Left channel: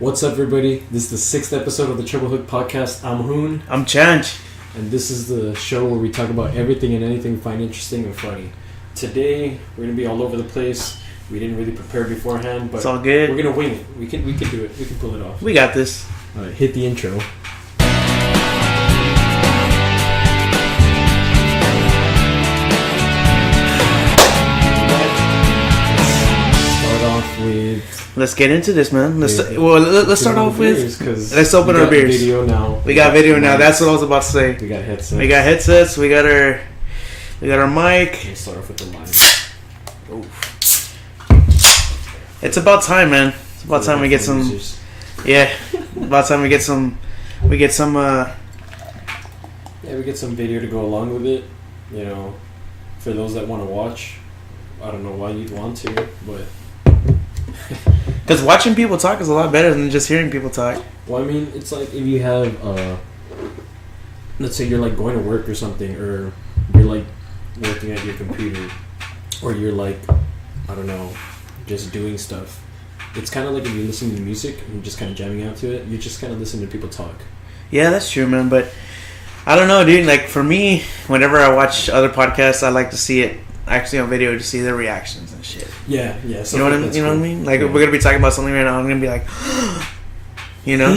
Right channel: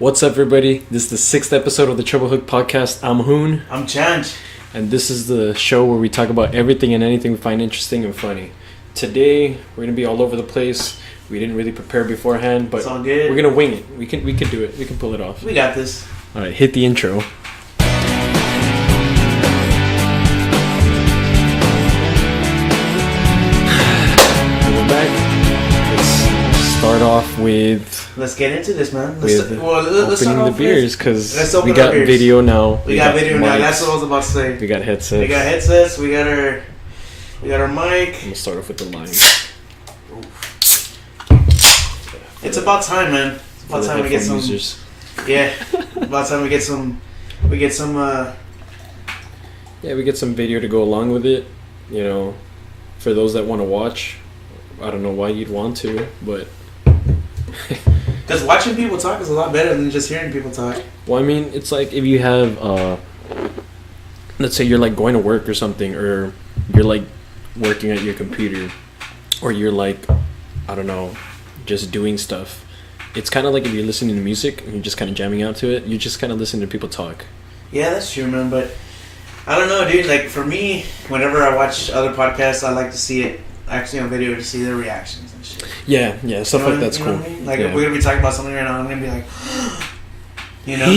What's up, everybody? This is the 6th episode of the Treble Hook Podcast. I'm Hoon. I'm Change. And this is the show where we talk about everything and anything we find interesting and funny. Today, we're going to be all over the place. We didn't really prepare beforehand, but it's all good. We're going to wing it. We can do it. We can pull it off. We got this. All right, hit the intro. Let's get into this, man. Let's start off with because let's open we got our beers. Video now. We got video now. That's what I was about to say. We got headsets. We got our mic. We'll start off with the line. It's about time, man. It's about time we get some. Yeah, about time we get some. We get some. Yeah, we get some video to go along with it. You know, for those that want to watch. I don't know why you'd want to, but. Because watching people talk is a lot better than just hearing people talk. Well, I mean, it's like if you have, let's say you're like going to work or something, or you're like working at your computer, or you're like, I don't know, just doing stuff. It's kind of like if you're listening to music and you're just kind of jamming out to it, you just kind of listen to people talk. Yeah, that's true, man. But I don't know, dude. Like for me, whenever I watch other podcasts, I like to see it actually on video to see their reactions. Yeah, stuff like that's cool. You know what I mean? Like, if we're going to be talking about something right now, I'm going to be like, you know?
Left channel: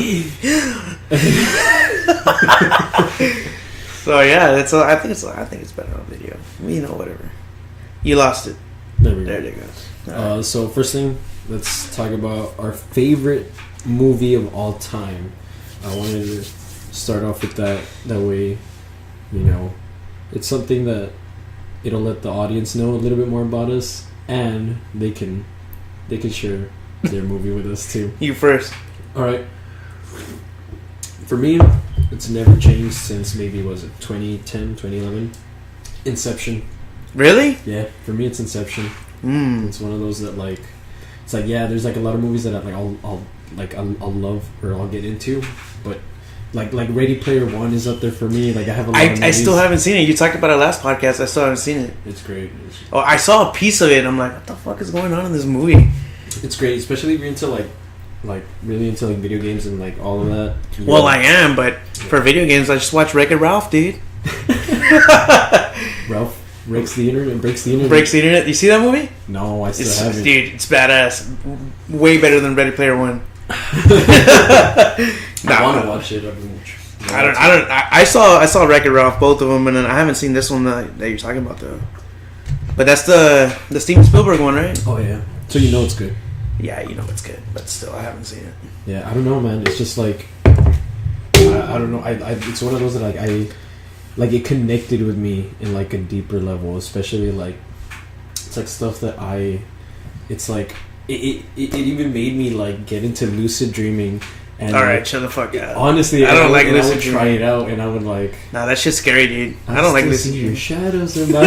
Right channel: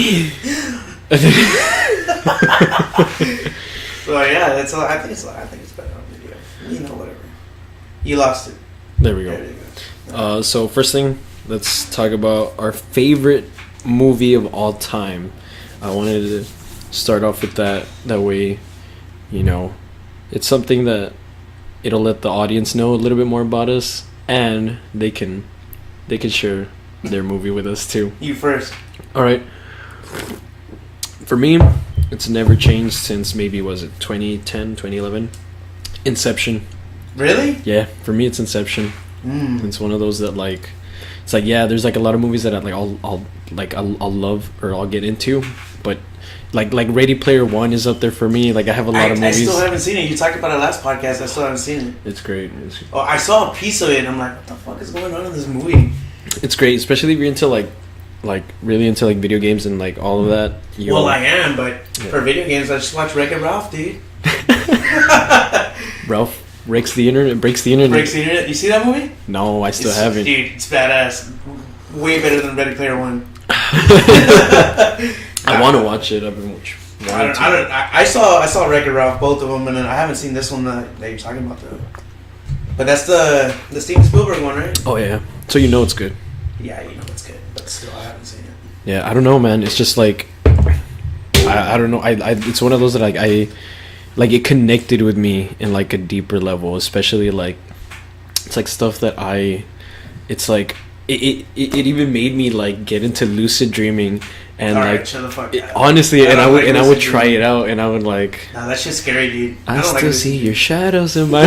So, yeah, that's all. I think it's better on video. You know, whatever. You lost it. There we go. There you go. So, first thing, let's talk about our favorite movie of all time. I wanted to start off with that. That way, you know, it's something that it'll let the audience know a little bit more about us. And they can share their movie with us too. You first. All right. For me, it's never changed since maybe, was it 2010, 2011? Inception. Really? Yeah, for me it's Inception. It's one of those that like, it's like, yeah, there's like a lot of movies that I'll love or I'll get into, but like Ready Player One is up there for me. Like I have a lot of movies. I still haven't seen it. You talked about it last podcast. I still haven't seen it. It's great. Oh, I saw a piece of it. I'm like, what the fuck is going on in this movie? It's great, especially if you're into like really into like video games and like all of that. Well, I am, but for video games, I just watch Wreck-It Ralph, dude. Ralph breaks the internet. Breaks the internet. You see that movie? No, I still haven't. Dude, it's badass. Way better than Ready Player One. I want to watch it. I saw Wreck-It Ralph, both of them, and I haven't seen this one that you're talking about though. But that's the Steven Spielberg one, right? Oh yeah. So you know it's good. Yeah, you know it's good, but still I haven't seen it. Yeah, I don't know, man. It's just like I don't know. It's one of those that I it connected with me in like a deeper level, especially like it's like stuff that it's like it even made me like get into lucid dreaming. And all right, chill the fuck out. Honestly, I would try it out, and I would like. Nah, that shit's scary, dude. I don't like to see your shadows in my.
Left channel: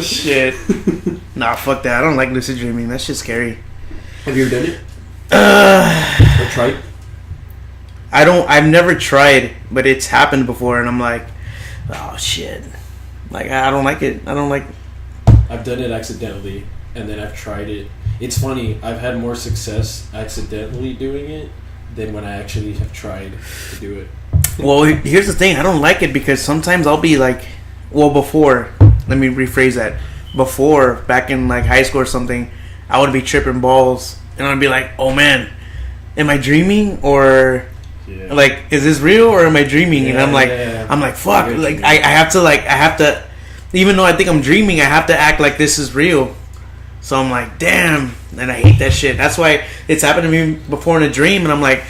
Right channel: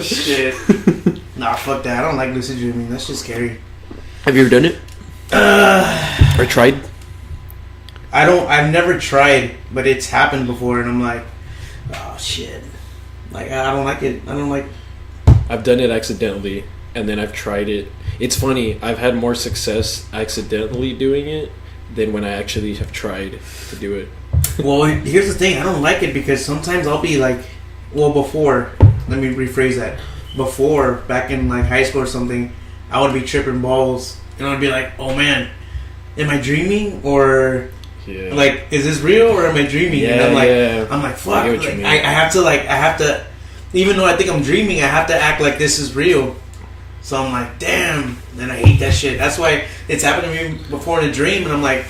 Shit. Nah, fuck that. I don't like lucid dreaming. That shit's scary. Have you ever done it? Or tried? I've never tried, but it's happened before, and I'm like, oh shit. Like I don't like it. I've done it accidentally, and then I've tried it. It's funny, I've had more success accidentally doing it than when I actually have tried to do it. Well, here's the thing. I don't like it because sometimes I'll be like, before, let me rephrase that. Before, back in like high school or something, I would be tripping balls and I'd be like, oh man, am I dreaming or like, is this real or am I dreaming? Yeah, and I'm like, fuck. Like, I have to, even though I think I'm dreaming, I have to act like this is real. So I'm like, damn, and I hate that shit. That's why it's happened to me before in a dream, and I'm like,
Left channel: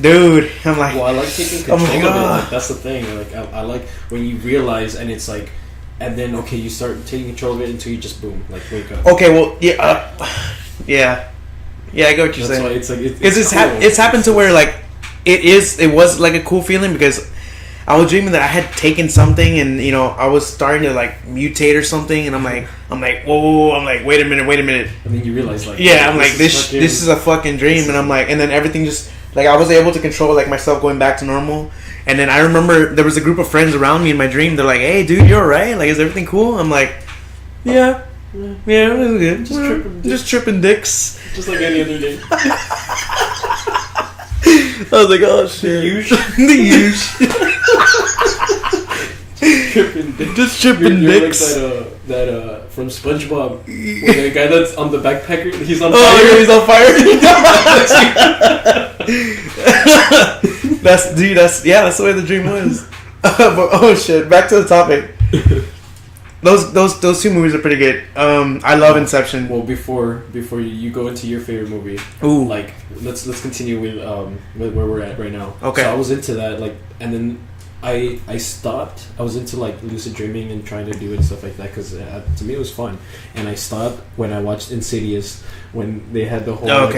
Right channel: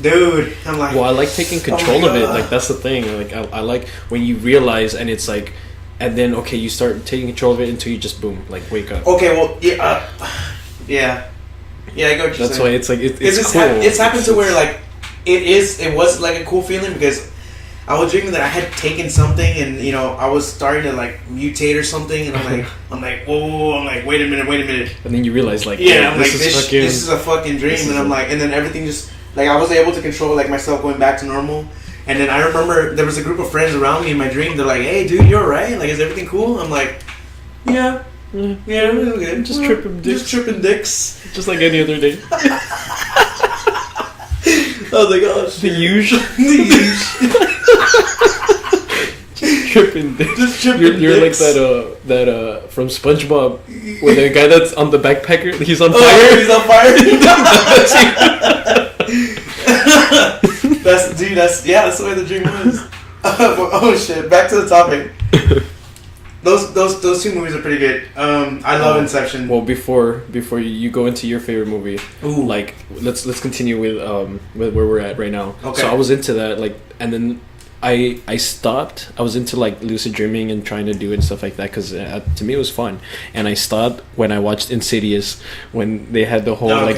dude, I'm like... Well, I like taking control of it. Like, that's the thing. Like, I like when you realize, and it's like, and then, okay, you start taking control of it until you just, boom, like, wake up. Okay, well, yeah, yeah, I get what you're saying. That's why it's like, it's cool. It's happened to where, like, it was, like, a cool feeling, because I was dreaming that I had taken something and, you know, I was starting to, like, mutate or something, and I'm like, whoa, I'm like, wait a minute. And then you realize, like, yeah, I'm like, this is a fucking dream, and I'm like, and then everything just, like, I was able to control, like, myself going back to normal, and then I remember there was a group of friends around me in my dream, they're like, hey, dude, you alright? Like, is everything cool? I'm like, yeah, it was good. Just tripping dicks. Just like any other day. I was like, oh shit. The usual. Tripping dicks. Just tripping You're dicks. like that from SpongeBob, where the guy that's on the backpacker, he's on fire. Oh, he's on fire. That's the way the dream was. Oh shit! Back to the topic. Those two movies are pretty good. I love Inception. Well, before you go into your favorite movie, Ooh. like let's continue with where we're at right now. Okay. So I was into that, like, and then I stopped. I was into like lucid dreaming and trying to do it and stuff like that because to me it was fun. And I stopped when I watched Insidious when they had the whole out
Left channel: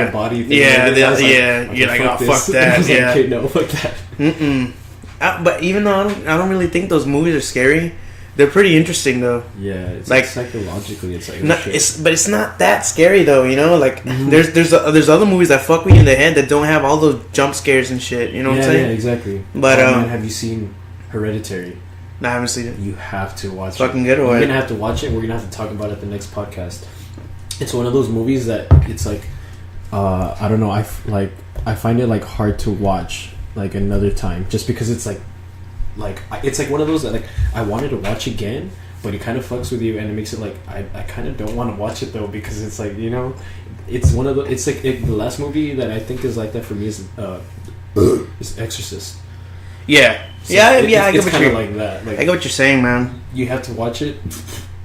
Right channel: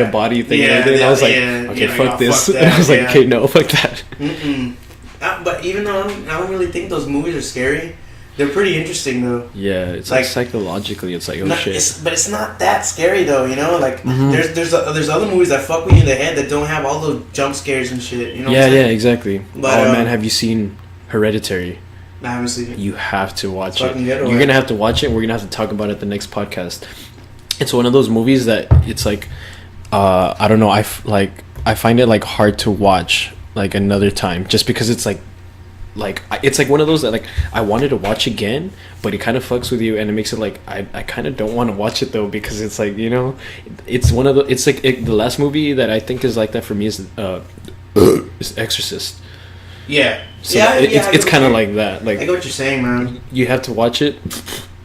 of body thing. Yeah, and I was like, yeah. okay, You're like, fuck oh, this. fuck that, I was like, yeah. okay, no, fuck that. Mm-mm. But even though I don't really think those movies are scary, they're pretty interesting though. Yeah, it's Like- like psychologically, it's like, oh Not, shit. but it's not that scary though, you know. Like Mhm. there's other movies that fuck with you in the head that don't have all those jump scares and shit. You know what I'm Yeah, saying? exactly. But, man, have you seen Hereditary? Nah, I haven't seen it. You have to watch Fucking it. good, You're or- gonna have to watch it. And we're gonna have to talk about it the next podcast. It's one of those movies that it's like, I don't know. I find it like hard to watch like another time just because it's like it's like one of those that like I wanted to watch again, but it kind of fucks with you and it makes it like I kind of don't want to watch it though because it's like, you know, it's one of the it's like the last movie that I think is like that for me is Exorcist. Yeah, So yeah, it's I get what kind of you're- like that. Like I get what you're saying, man. you have to watch it.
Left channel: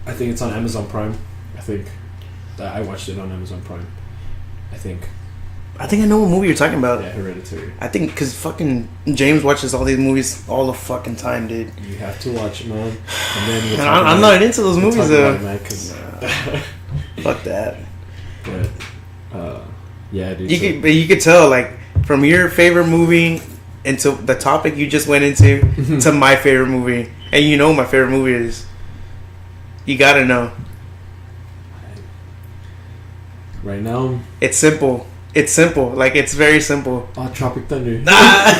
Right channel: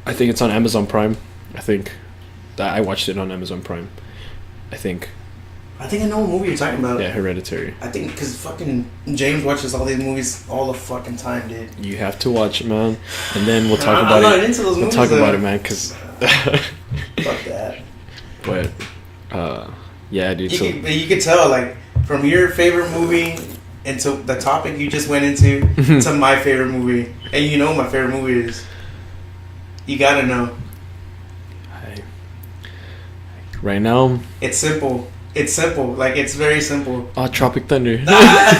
I think it's on Amazon Prime. I think that I watched it on Amazon Prime. I think. I think I know what movie you're talking about. Yeah, Hereditary. I think because fucking James watches all these movies all the fucking time, dude. You have to watch it, man. And then we'll And talk I'm about not it. into those We'll movies. talk about though. it, man, because. Fuck that. But, yeah, dude. So, You could tell, like, from your favorite movie into the topic you just went into to my favorite movie, and you know what my favorite movie is. You gotta know. right now, It's simple. It's simple. Like, it's very simple. Tropic Thunder. Nah.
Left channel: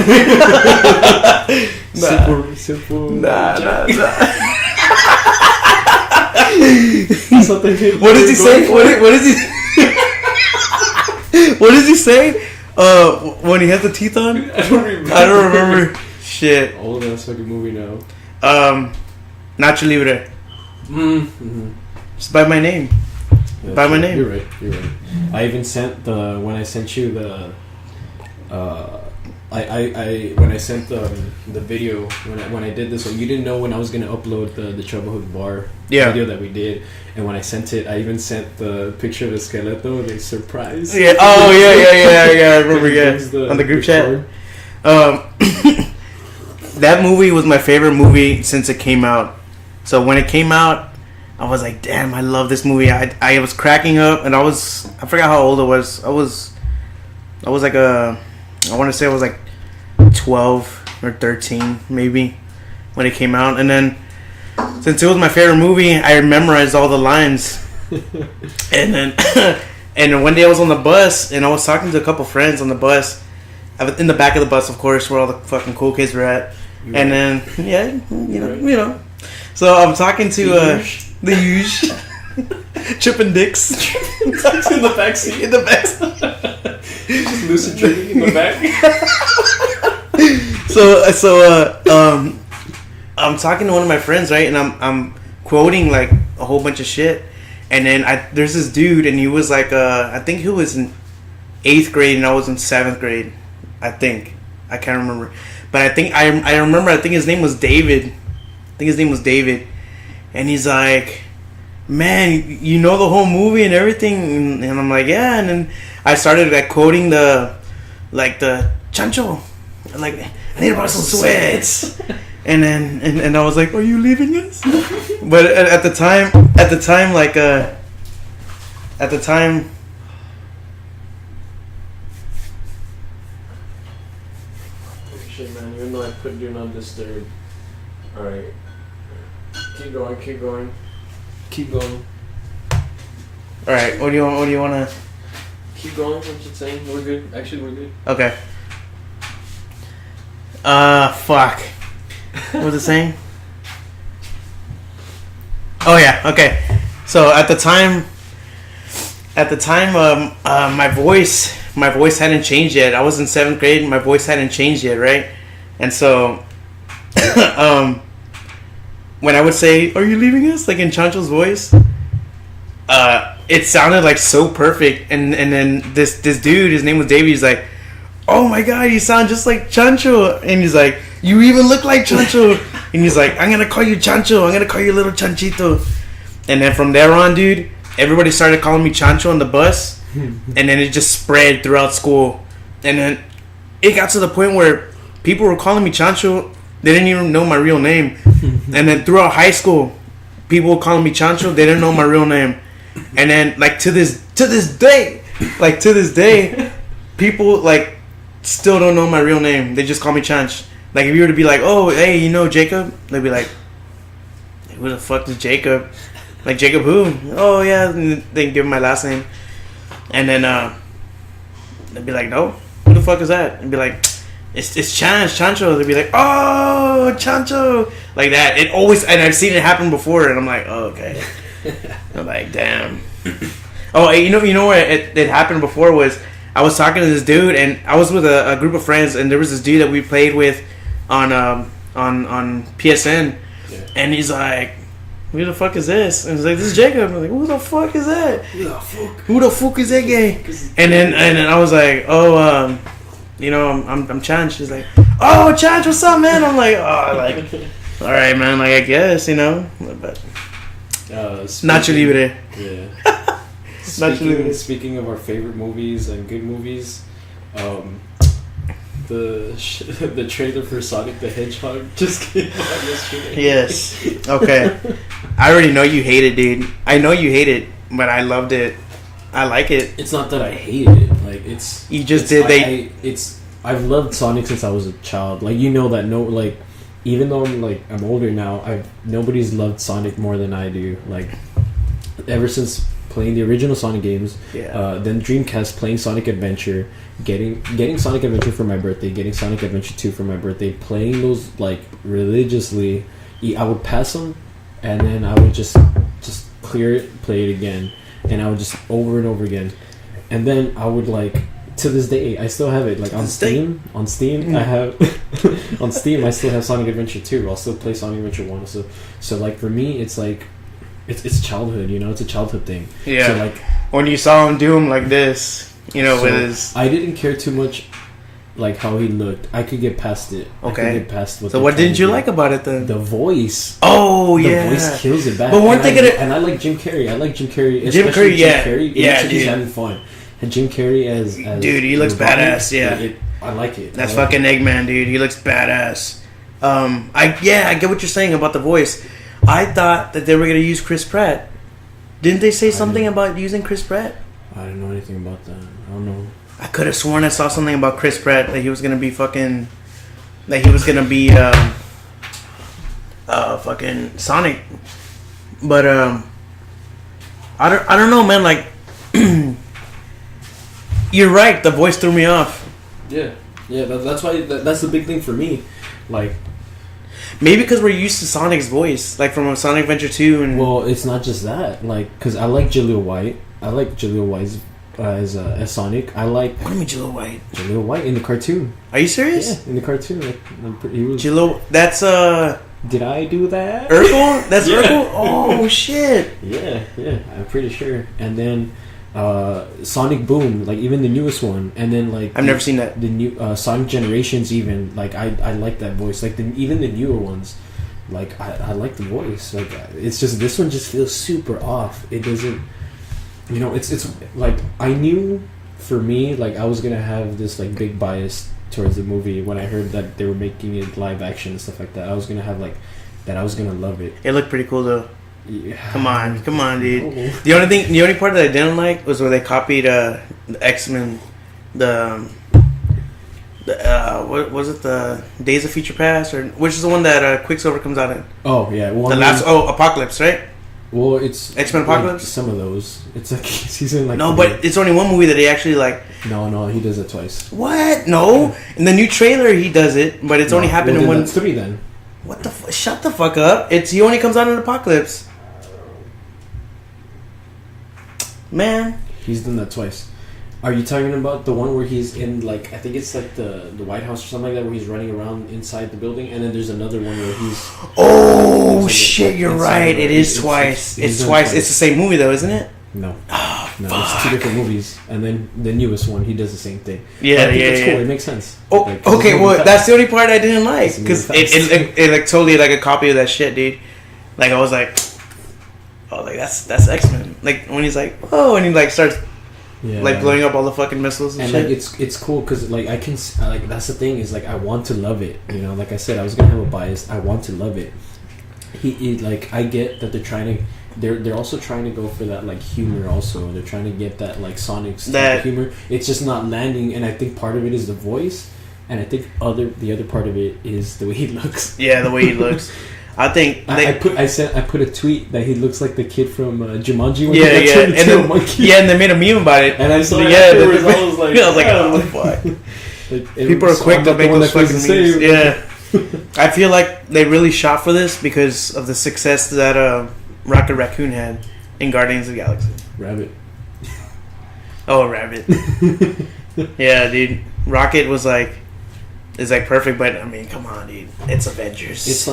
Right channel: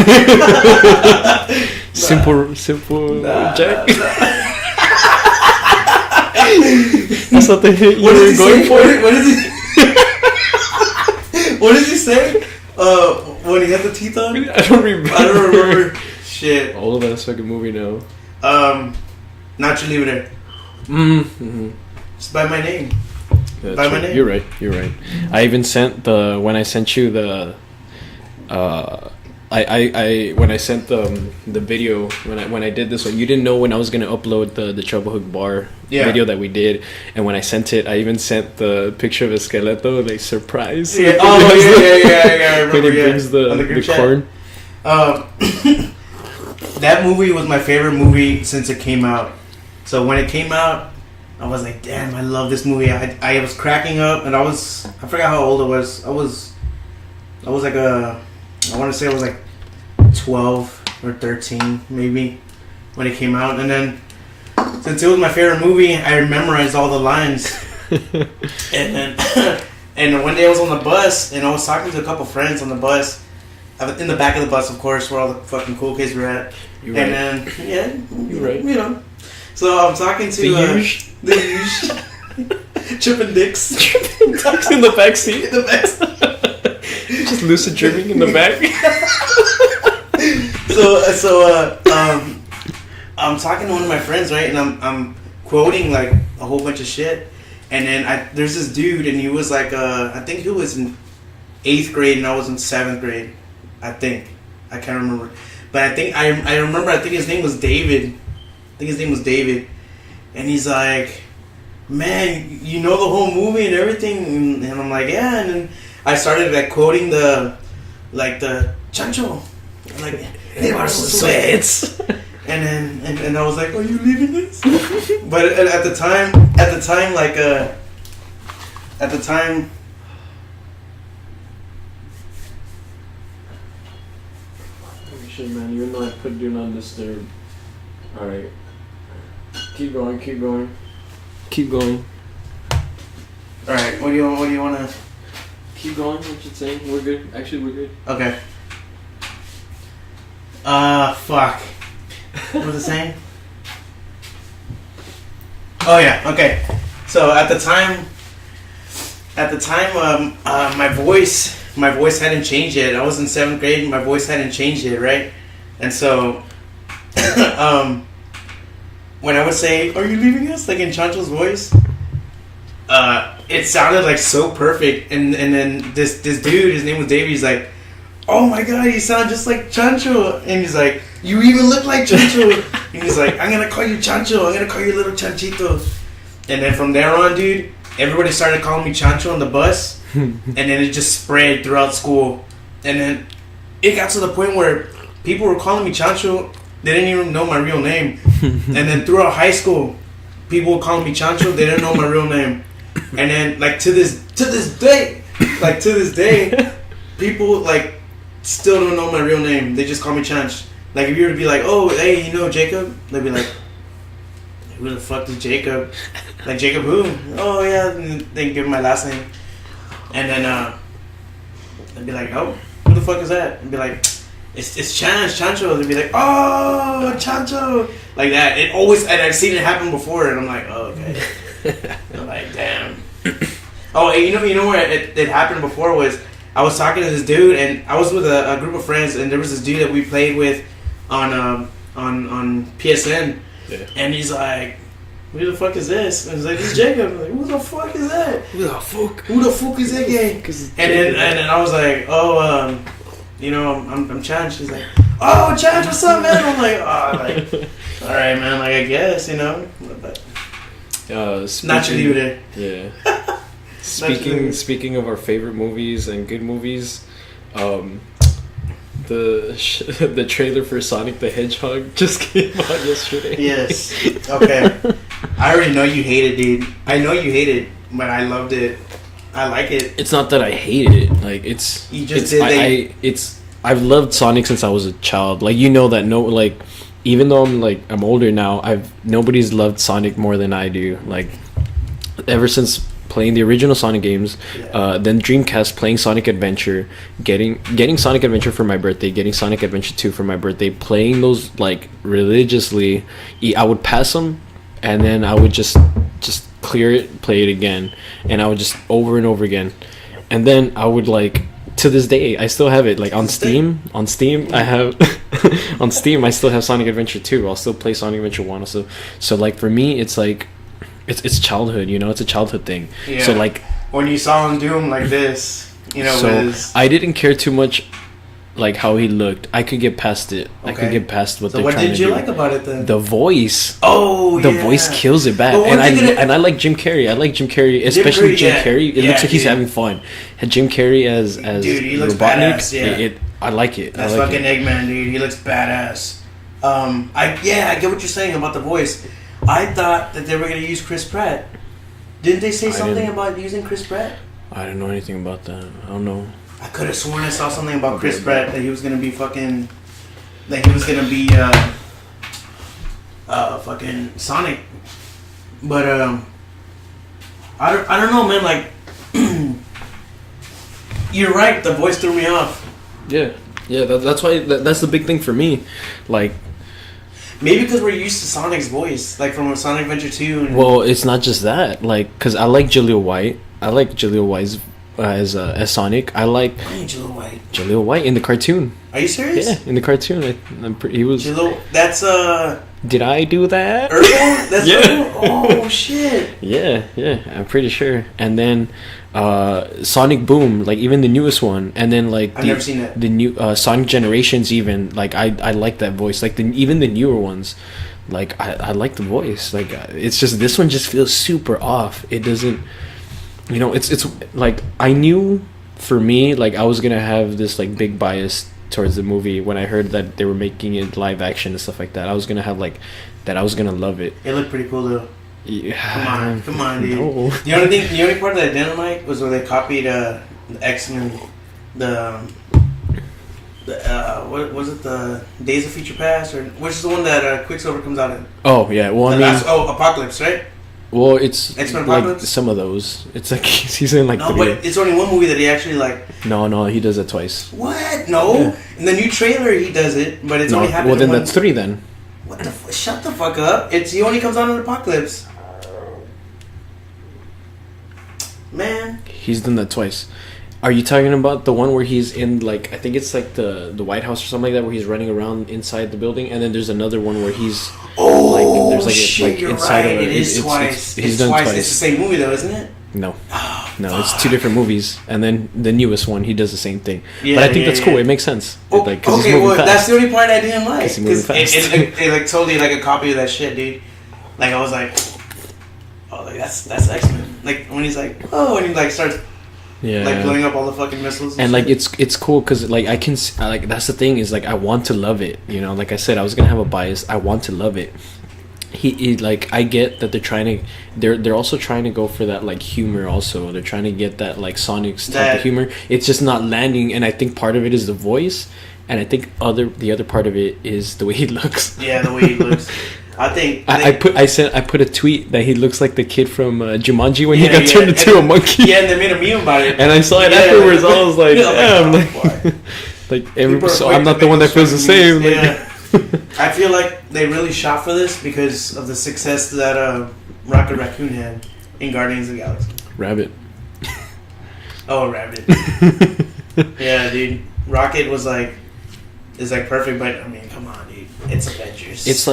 Simple. Nah, Jack. nah, nah. That's what they hit. What does he say? What is he? What does he say? When he has the teeth on? I don't remember. I don't remember. Shit. All of that's fucking movie now. Nacho Libre. Mm-hmm. Just by my name. By my name. You're right. I even sent when I sent you the when I sent the video when I did this one, you didn't know when I was gonna upload the Trouble Hook Bar video that we did, and when I sent it, I even sent the picture of Esqueleto, like surprise. Yeah. Oh yeah. I remember. Yeah. On the group chat. That movie was my favorite movie since it came out. So when it came out, I was like, damn, I love this movie. I was cracking up, and I forgot how old I was. I was like I want to say I was like 12 or 13 maybe when it came out, and then since it was my favorite movie, I memorized all the lines. And then and one day I was on the bus and I was talking to a couple friends on the bus, in the back of the bus, of course, where all the fucking cool kids were at. You're And right. then Right. you know. So I'm talking to the huge Chippin' Dicks in the back seat. In the back. Just lucid dreaming in the back. So I'm talking to one of my friends, right, and I'm quoting like a whole bunch of shit, and then there's this dude, and he was like I think he was in 8th grade and I was in 7th grade, I think. I can't remember, but I think I remember. I think his name was David. And he's like, man, you know the whole movie and everything, and I'm like, yeah. And then I started like quoting the chancho, like, and it was sweats. And then and I was like, are you leaving us? But at the time, Oh shit, man! Even though I put do not disturb. All right. Keep going. All right, what do you want to? Keep going. What you saying? We're good. Actually, we're good. Okay. Fuck. What was it saying? Oh yeah. Okay. So at the time, at the time, my voice hadn't changed yet. I was in 7th grade. My voice hadn't changed yet, right? And so, when I would say, "Are you leaving us?" like in Chancho's voice, it sounded like so perfect. And then this dude, his name was Davey. He's like, "Oh my god, you sound just like Chancho." And he's like, "You even look like Chancho." And he's like, "I'm gonna call you Chancho. I'm gonna call you little Chanchito." And then from there on, dude, everybody started calling me Chancho on the bus. And then it just spread throughout school. And then it got to the point where people were calling me Chancho. They didn't even know my real name. And then throughout high school, people were calling me Chancho. They didn't know my real name. And then, like, to this day, people, like, still don't know my real name. They just call me Chanch. Like, if you were to be like, "Oh, hey, you know Jacob?" They'd be like, "Who the fuck is Jacob?" Like, "Jacob who?" "Oh, yeah." And they give me my last name. And then they'd be like, "No, who the fuck is that?" I'd be like, It's Chancho. They'd be like, "Oh, Chancho," like that. It always, and I've seen it happen before, and I'm like, "Oh, okay." I'm like, "Damn." Oh, you know what? It happened before was I was talking to this dude, and I was with a group of friends, and there was this dude that we played with on PSN, and he's like, "Who the fuck is this?" And he's like, "This is Jacob." I'm like, "Who the fuck is that? Who the fuck is that guy?" And then I was like, "Oh, I'm Chanch." He's like, "Oh, Chanch, what's up, man?" I'm like, "Oh, like, all right, man. Like, I guess, But Nacho Libre. Yeah. Speaking of our favorite movies and good movies, the trailer for Sonic the Hedgehog just came out yesterday. Yes. Okay. I already know you hate it, dude. I know you hate it, but I loved it. I like it. It's not that I hated it. Like, it's you just I've loved Sonic since I was a child. Like, that even though I'm older now, nobody's loved Sonic more than I do. Like, ever since playing the original Sonic games, then Dreamcast, playing Sonic Adventure, getting Sonic Adventure for my birthday, getting Sonic Adventure 2 for my birthday, playing those like religiously. I would pass them, and then I would just clear it, play it again, and I would just over and over again, and then I would to this day I still have it on Steam. I have on Steam I still have Sonic Adventure 2. I'll still play Sonic Adventure 1 also. So for me it's it's childhood, it's a childhood thing. Yeah. So when you saw him do him like this, I didn't care too much how he looked. I could get past it. Okay. I could get past what. So what didn't you like about it then? The voice. Oh, yeah. The voice kills it back. But and I like Jim Carrey. Especially Jim Carrey. It looks like he's having fun. And Jim Carrey as dude, he looks badass. Yeah, I like it. That's fucking Eggman, dude. He looks badass. I get what you're saying about the voice. I thought that they were gonna use Chris Pratt. Didn't they say something about using Chris Pratt? I didn't know anything about that. I don't know. I could have sworn I saw something about Chris Pratt, that he was gonna be fucking, fucking Sonic. But I don't know, man. You're right. The voice threw me off. Yeah. That's why. That's the big thing for me. Maybe because we're used to Sonic's voice, from Sonic Adventure 2. And well, it's not just that. Because I like Jaleel White. I like Jaleel White as Sonic. I like. Why Jaleel White? Jaleel White in the cartoon. Are you serious? Yeah, in the cartoon, he was. Jaleel. That's Did I do that? Urkel? That's Urkel? Oh shit. Yeah, I'm pretty sure. And then Sonic Boom, even the newest one, and then I've never seen that. The new Sonic Generations, even I like that voice. Even the newer ones, I like the voice. It's just this one just feels super off. It doesn't, it's I knew for me I was gonna have this big bias towards the movie when I heard that they were making it live action and stuff like that. I was gonna have that. I was gonna love it. It looked pretty cool though. Yeah. Come on, dude. No. The only part that I didn't like was when they copied the X-Men, what was it, the Days of Future Past, or which is the one that Quicksilver comes out in? Oh yeah, well, Apocalypse, right? Well, it's X-Men Apocalypse. Some of those, it's he's in no, but it's only one movie that he actually No, he does it twice. What? No, in the new trailer he does it, but it's only happened in one. That's 3 then. What the? Shut the fuck up! He only comes out in Apocalypse. Man, He's done that twice. Are you talking about the one where he's in like I think it's like the White House or something like that where he's running around inside the building, and then there's another one where he's shit, you're right. It is twice. It's twice. It's the same movie though, isn't it? No, oh, no, fuck. It's two different movies, and then the newest one he does the same thing. Yeah, but I think that's cool. It makes sense. Oh, like, okay. Well, fast. that's the only part I didn't like because It it like totally like a copy of that shit, dude. Like I was like, oh, like that's X-Men. Like when he's like, oh, and he like starts. Yeah. Like blowing up all the fucking missiles and shit. like it's cool because like I can like that's the thing is like I want to love it, you know, like I said I was gonna have a bias. I want to love it. He like I get that they're also trying to go for that like humor also. They're trying to get that like Sonic's type of humor. It's just not landing, and I think part of it is the voice, and I think the other part of it is the way he looks. Yeah, the way he looks. I think I put a tweet that he looks like the kid from Jumanji when he yeah, got turned into a monkey. Yeah, and they made a meme about it. And I saw it afterwards. I was like, fuck. Like People are so quick I'm not to the make one those that feels the fucking same. memes. Yeah. I feel like they really shot for this because of the success that Rocket Raccoon had in Guardians of the Galaxy. Rabbit. Oh, Rabbit. Yeah, dude. Rocket is like perfect, but I mean, come on, dude. It's Avengers. It's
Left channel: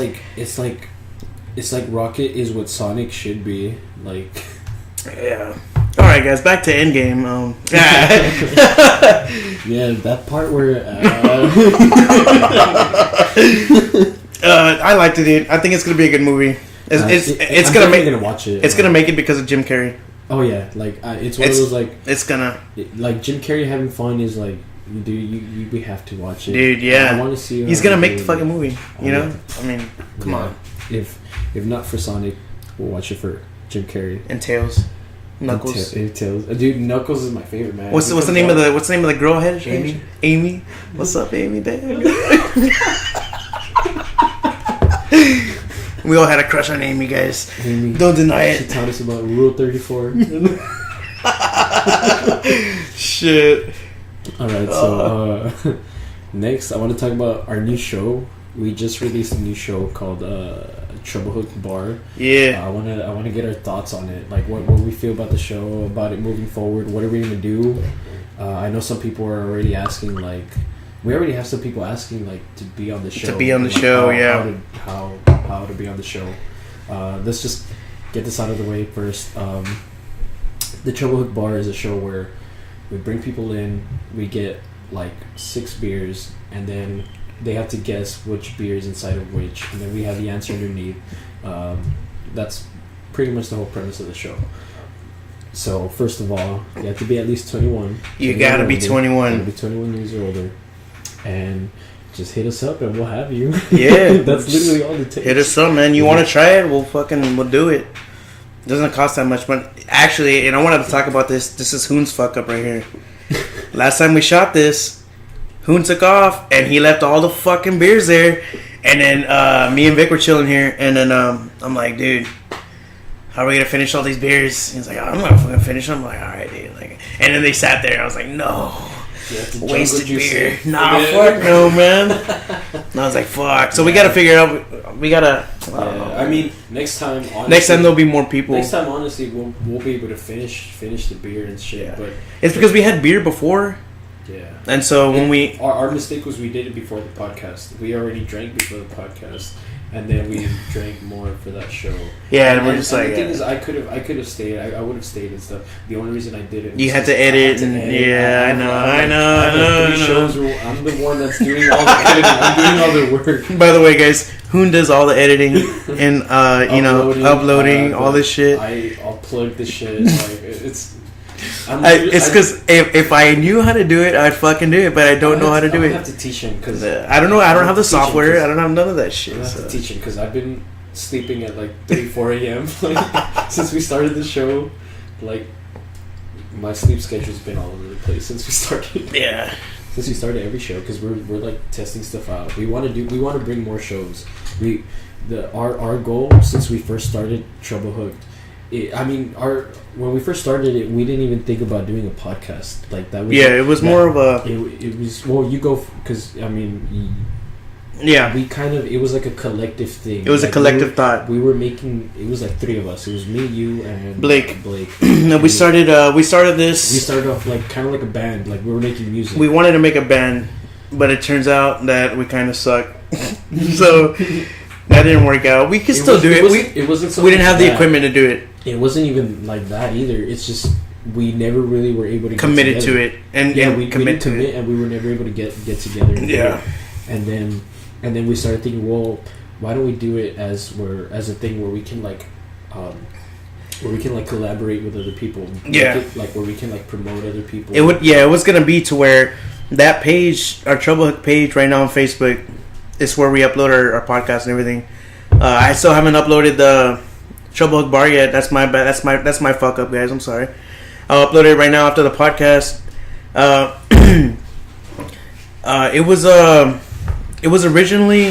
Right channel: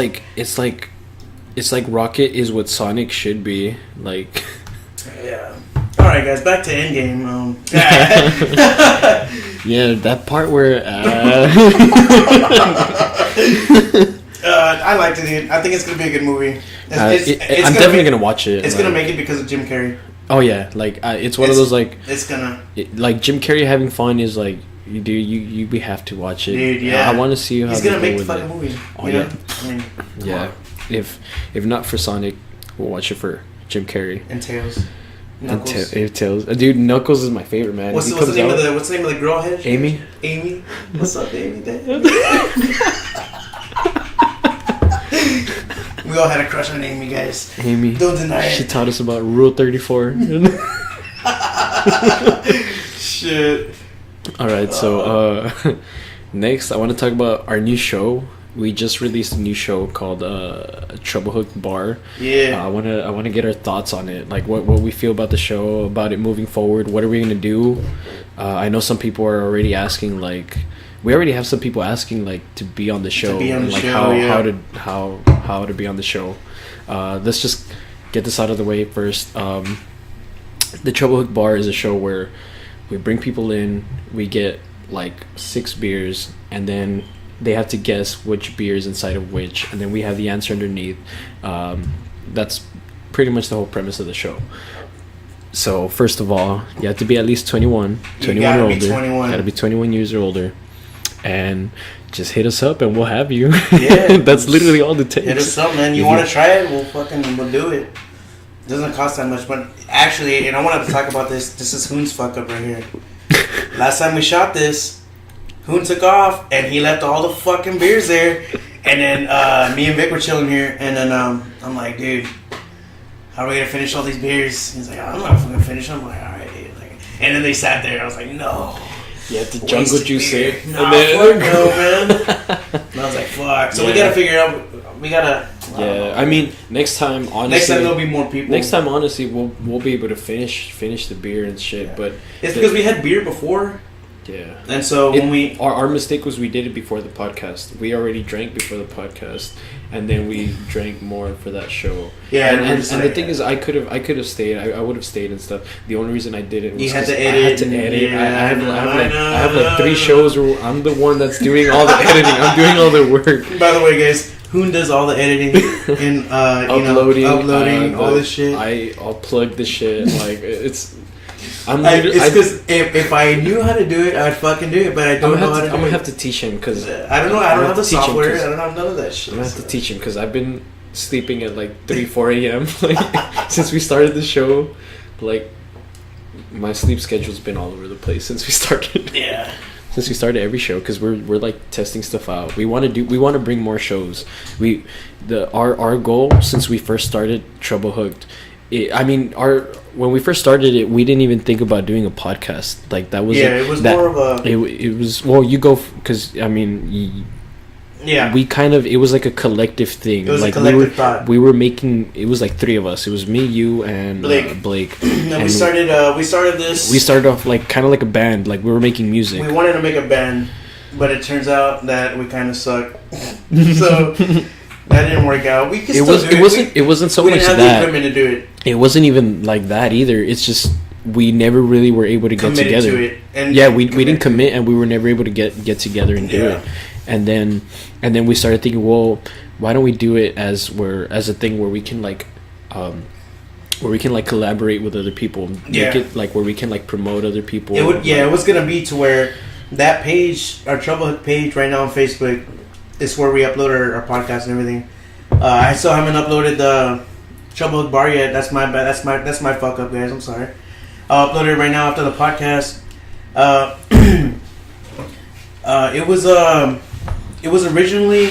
like Rocket is what Sonic should be. Like. Yeah. All right, guys. Back to Endgame. Yeah, that part where. I liked it, dude. I think it's gonna be a good movie. It's I'm gonna definitely gonna watch it. It's gonna make it because of Jim Carrey. Oh yeah, like it's one of those like. It's gonna. Like Jim Carrey having fun is like. Dude, we have to watch it. Dude, yeah. I want to see. He's gonna make the fucking movie. You know, I mean, come on. If not for Sonic, we'll watch it for Jim Carrey and Tails. Knuckles. Tails. Dude, Knuckles is my favorite, man. What's the name of the girl head? Amy. Amy. What's up, Amy? We all had a crush on Amy, guys. Amy. Don't deny it. She taught us about Rule 34. Shit. Alright, so next I want to talk about our new show. We just released a new show called Trouble Hook Bar. Yeah. I want to get our thoughts on it. Like what we feel about the show, about it moving forward. What are we going to do? I know some people are already asking like we already have some people asking like to be on the show. To be on the show, yeah. How to be on the show. Let's just get this out of the way first. The Trouble Hook Bar is a show where we bring people in, we get like 6 beers, and then they have to guess which beer is inside of which, and then we have the answer underneath. That's pretty much the whole premise of the show. So first of all, you have to be at least 21. You gotta be 21. Gotta be 21 years or older, and just hit us up and we'll have you. Yeah, that's literally all it takes. Hit us up, man. You want to try it? We'll do it. It doesn't cost that much, but actually, and I wanted to talk about this. This is Hoon's fuck up right here. Last time we shot this, Hoon took off and he left all the fucking beers there. And then me and Vic were chilling here, and then I'm like, dude, how are we gonna finish all these beers? He's like, I'm not fucking finish them. I'm like, all right, dude. Like, and then they sat there, and I was like, no. You have to jungle juice it. Nah, fuck no, man. And I was like, fuck. So we gotta figure out. We gotta. Yeah, I mean, next time, honestly. Next time there'll be more people. Next time, honestly, we'll be able to finish the beer and shit. Yeah. But it's because we had beer before. Yeah. And so when our mistake was we did it before the podcast. We already drank before the podcast, and then we drank more for that show. Yeah, and the thing is, I could have stayed. I would have stayed and stuff. The only reason I didn't. You had to edit. Yeah, I know. I have like 3 shows where I'm the one that's doing all the editing. I'm doing all the work. By the way, guys, Hoon does all the editing and uploading all this shit. I'll plug the shit. Like it's because if I knew how to do it, I'd fucking do it, but I don't know how to do it. I have to teach him because I don't know. I don't have the software. I don't have none of that shit. I have to teach him because I've been sleeping at like 3-4 a.m. like since we started the show. Like my sleep schedule's been all over the place since we started. Yeah. Since we started every show, because we're like testing stuff out. We want to bring more shows. Our goal since we first started Trouble Hooked. When we first started it, we didn't even think about doing a podcast. Like that was it was more of a. It was you go because I mean, Yeah. it was like a collective thing. It was like a collective thought. We were making, it was like three of us. It was me, you, and Blake. No, we started this. We started off like kind of like a band. Like we were making music. We wanted to make a band, but it turns out that we kind of suck. So that didn't work out. We could still do it. It wasn't so we much didn't have that. the equipment to do it. It wasn't even like that either. It's just we never really were able to get Committed together. to it. And yeah, we didn't commit, and we were never able to get together and do Yeah. it. And then we started thinking, well, why don't we do it as a thing where we can like collaborate with other people. Yeah. Make it, like where we can like promote other people. It was gonna be to where that page, our Troublehook page right now on Facebook, is where we upload our podcast and everything. I still haven't uploaded the Troublehook bar yet. That's my bad. That's my fuck up, guys. I'm sorry. I'll upload it right now after the podcast. It was originally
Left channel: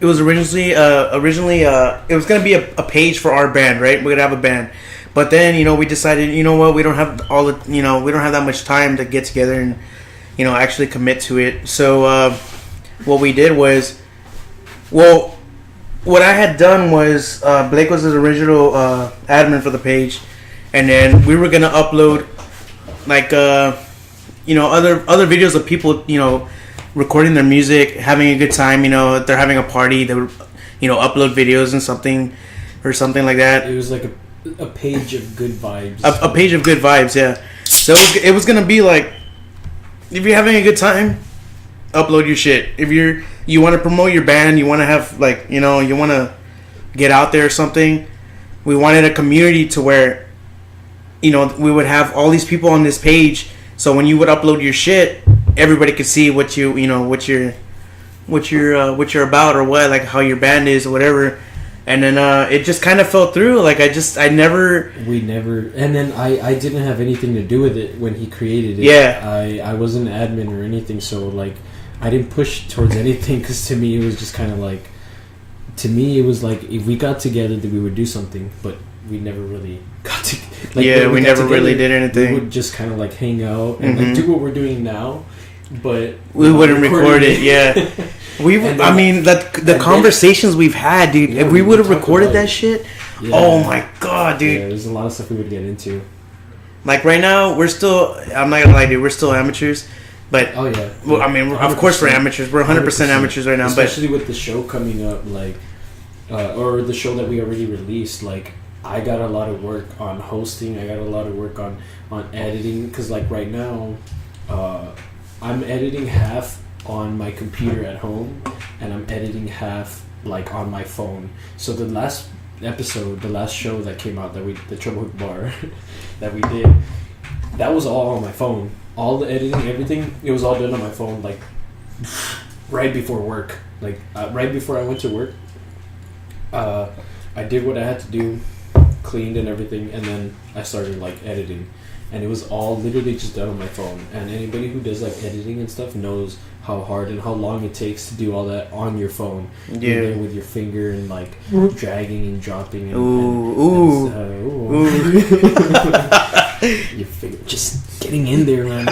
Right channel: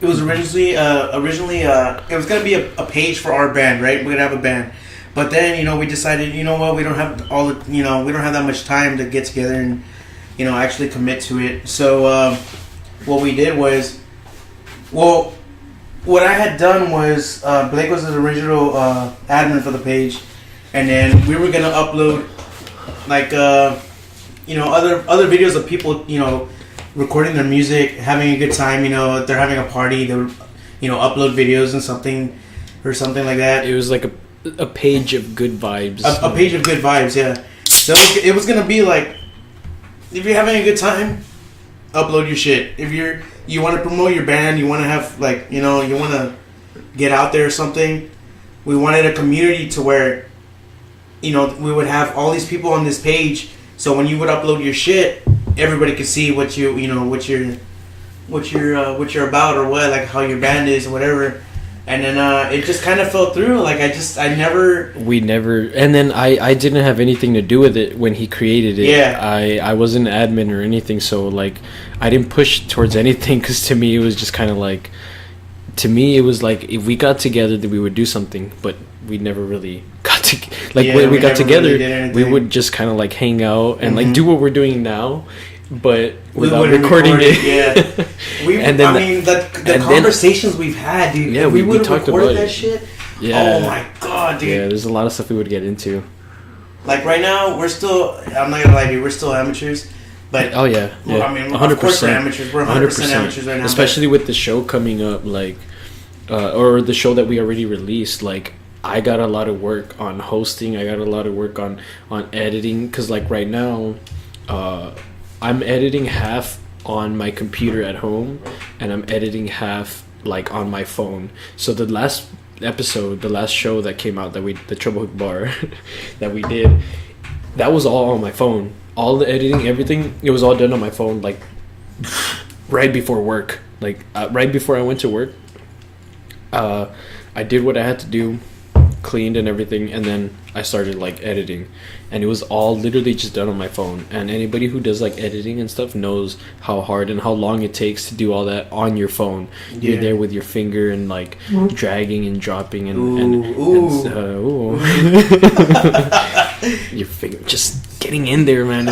gonna be a page for our band, right? We're gonna have a band, but then we decided, you know what, we don't have we don't have that much time to get together and actually commit to it. So what we did was, what I had done was Blake was his original admin for the page, and then we were gonna upload like other videos of people recording their music, having a good time. If they're having a party, they upload videos and something like that. It was like a page of good vibes. A page of good vibes, yeah. So it was gonna be like, if you're having a good time, upload your shit. If you want to promote your band, you want to have you want to get out there or something. We wanted a community to where we would have all these people on this page. So when you would upload your shit, everybody could see what you're about, or what, like how your band is or whatever. And then it just kind of fell through. Like we never. And then I didn't have anything to do with it when he created it. Yeah. I wasn't an admin or anything, so like I didn't push towards anything, because to me it was just kind of like, to me it was like if we got together that we would do something, but we never really got to, like when we got together we would just kind of like hang out and like do what we're doing now, but we wouldn't record it. Yeah. The conversations we've had, dude. Yeah, if we would have recorded that shit, yeah. Oh my god, dude. Yeah, there's a lot of stuff we would get into. Like right now, we're still, I'm not gonna lie, dude, we're still amateurs. But oh yeah, well, I mean, 100%. Of course we're amateurs. We're 100% amateurs right now. Especially with the show coming up, like, or the show that we already released. Like, I got a lot of work on hosting. I got a lot of work on editing. Because like right now, I'm editing half on my computer at home, and I'm editing half like on my phone. So the last episode, the last show that came out, the Troublehook Bar that we did, that was all on my phone. All the editing, everything, it was all done on my phone, like right before work. Like right before I went to work, I did what I had to do, cleaned and everything, and then I started like editing. And it was all literally just done on my phone. And anybody who does like editing and stuff knows how hard and how long it takes to do all that on your phone. Yeah. You're there with your finger and like dragging and dropping and your finger just getting in there, man.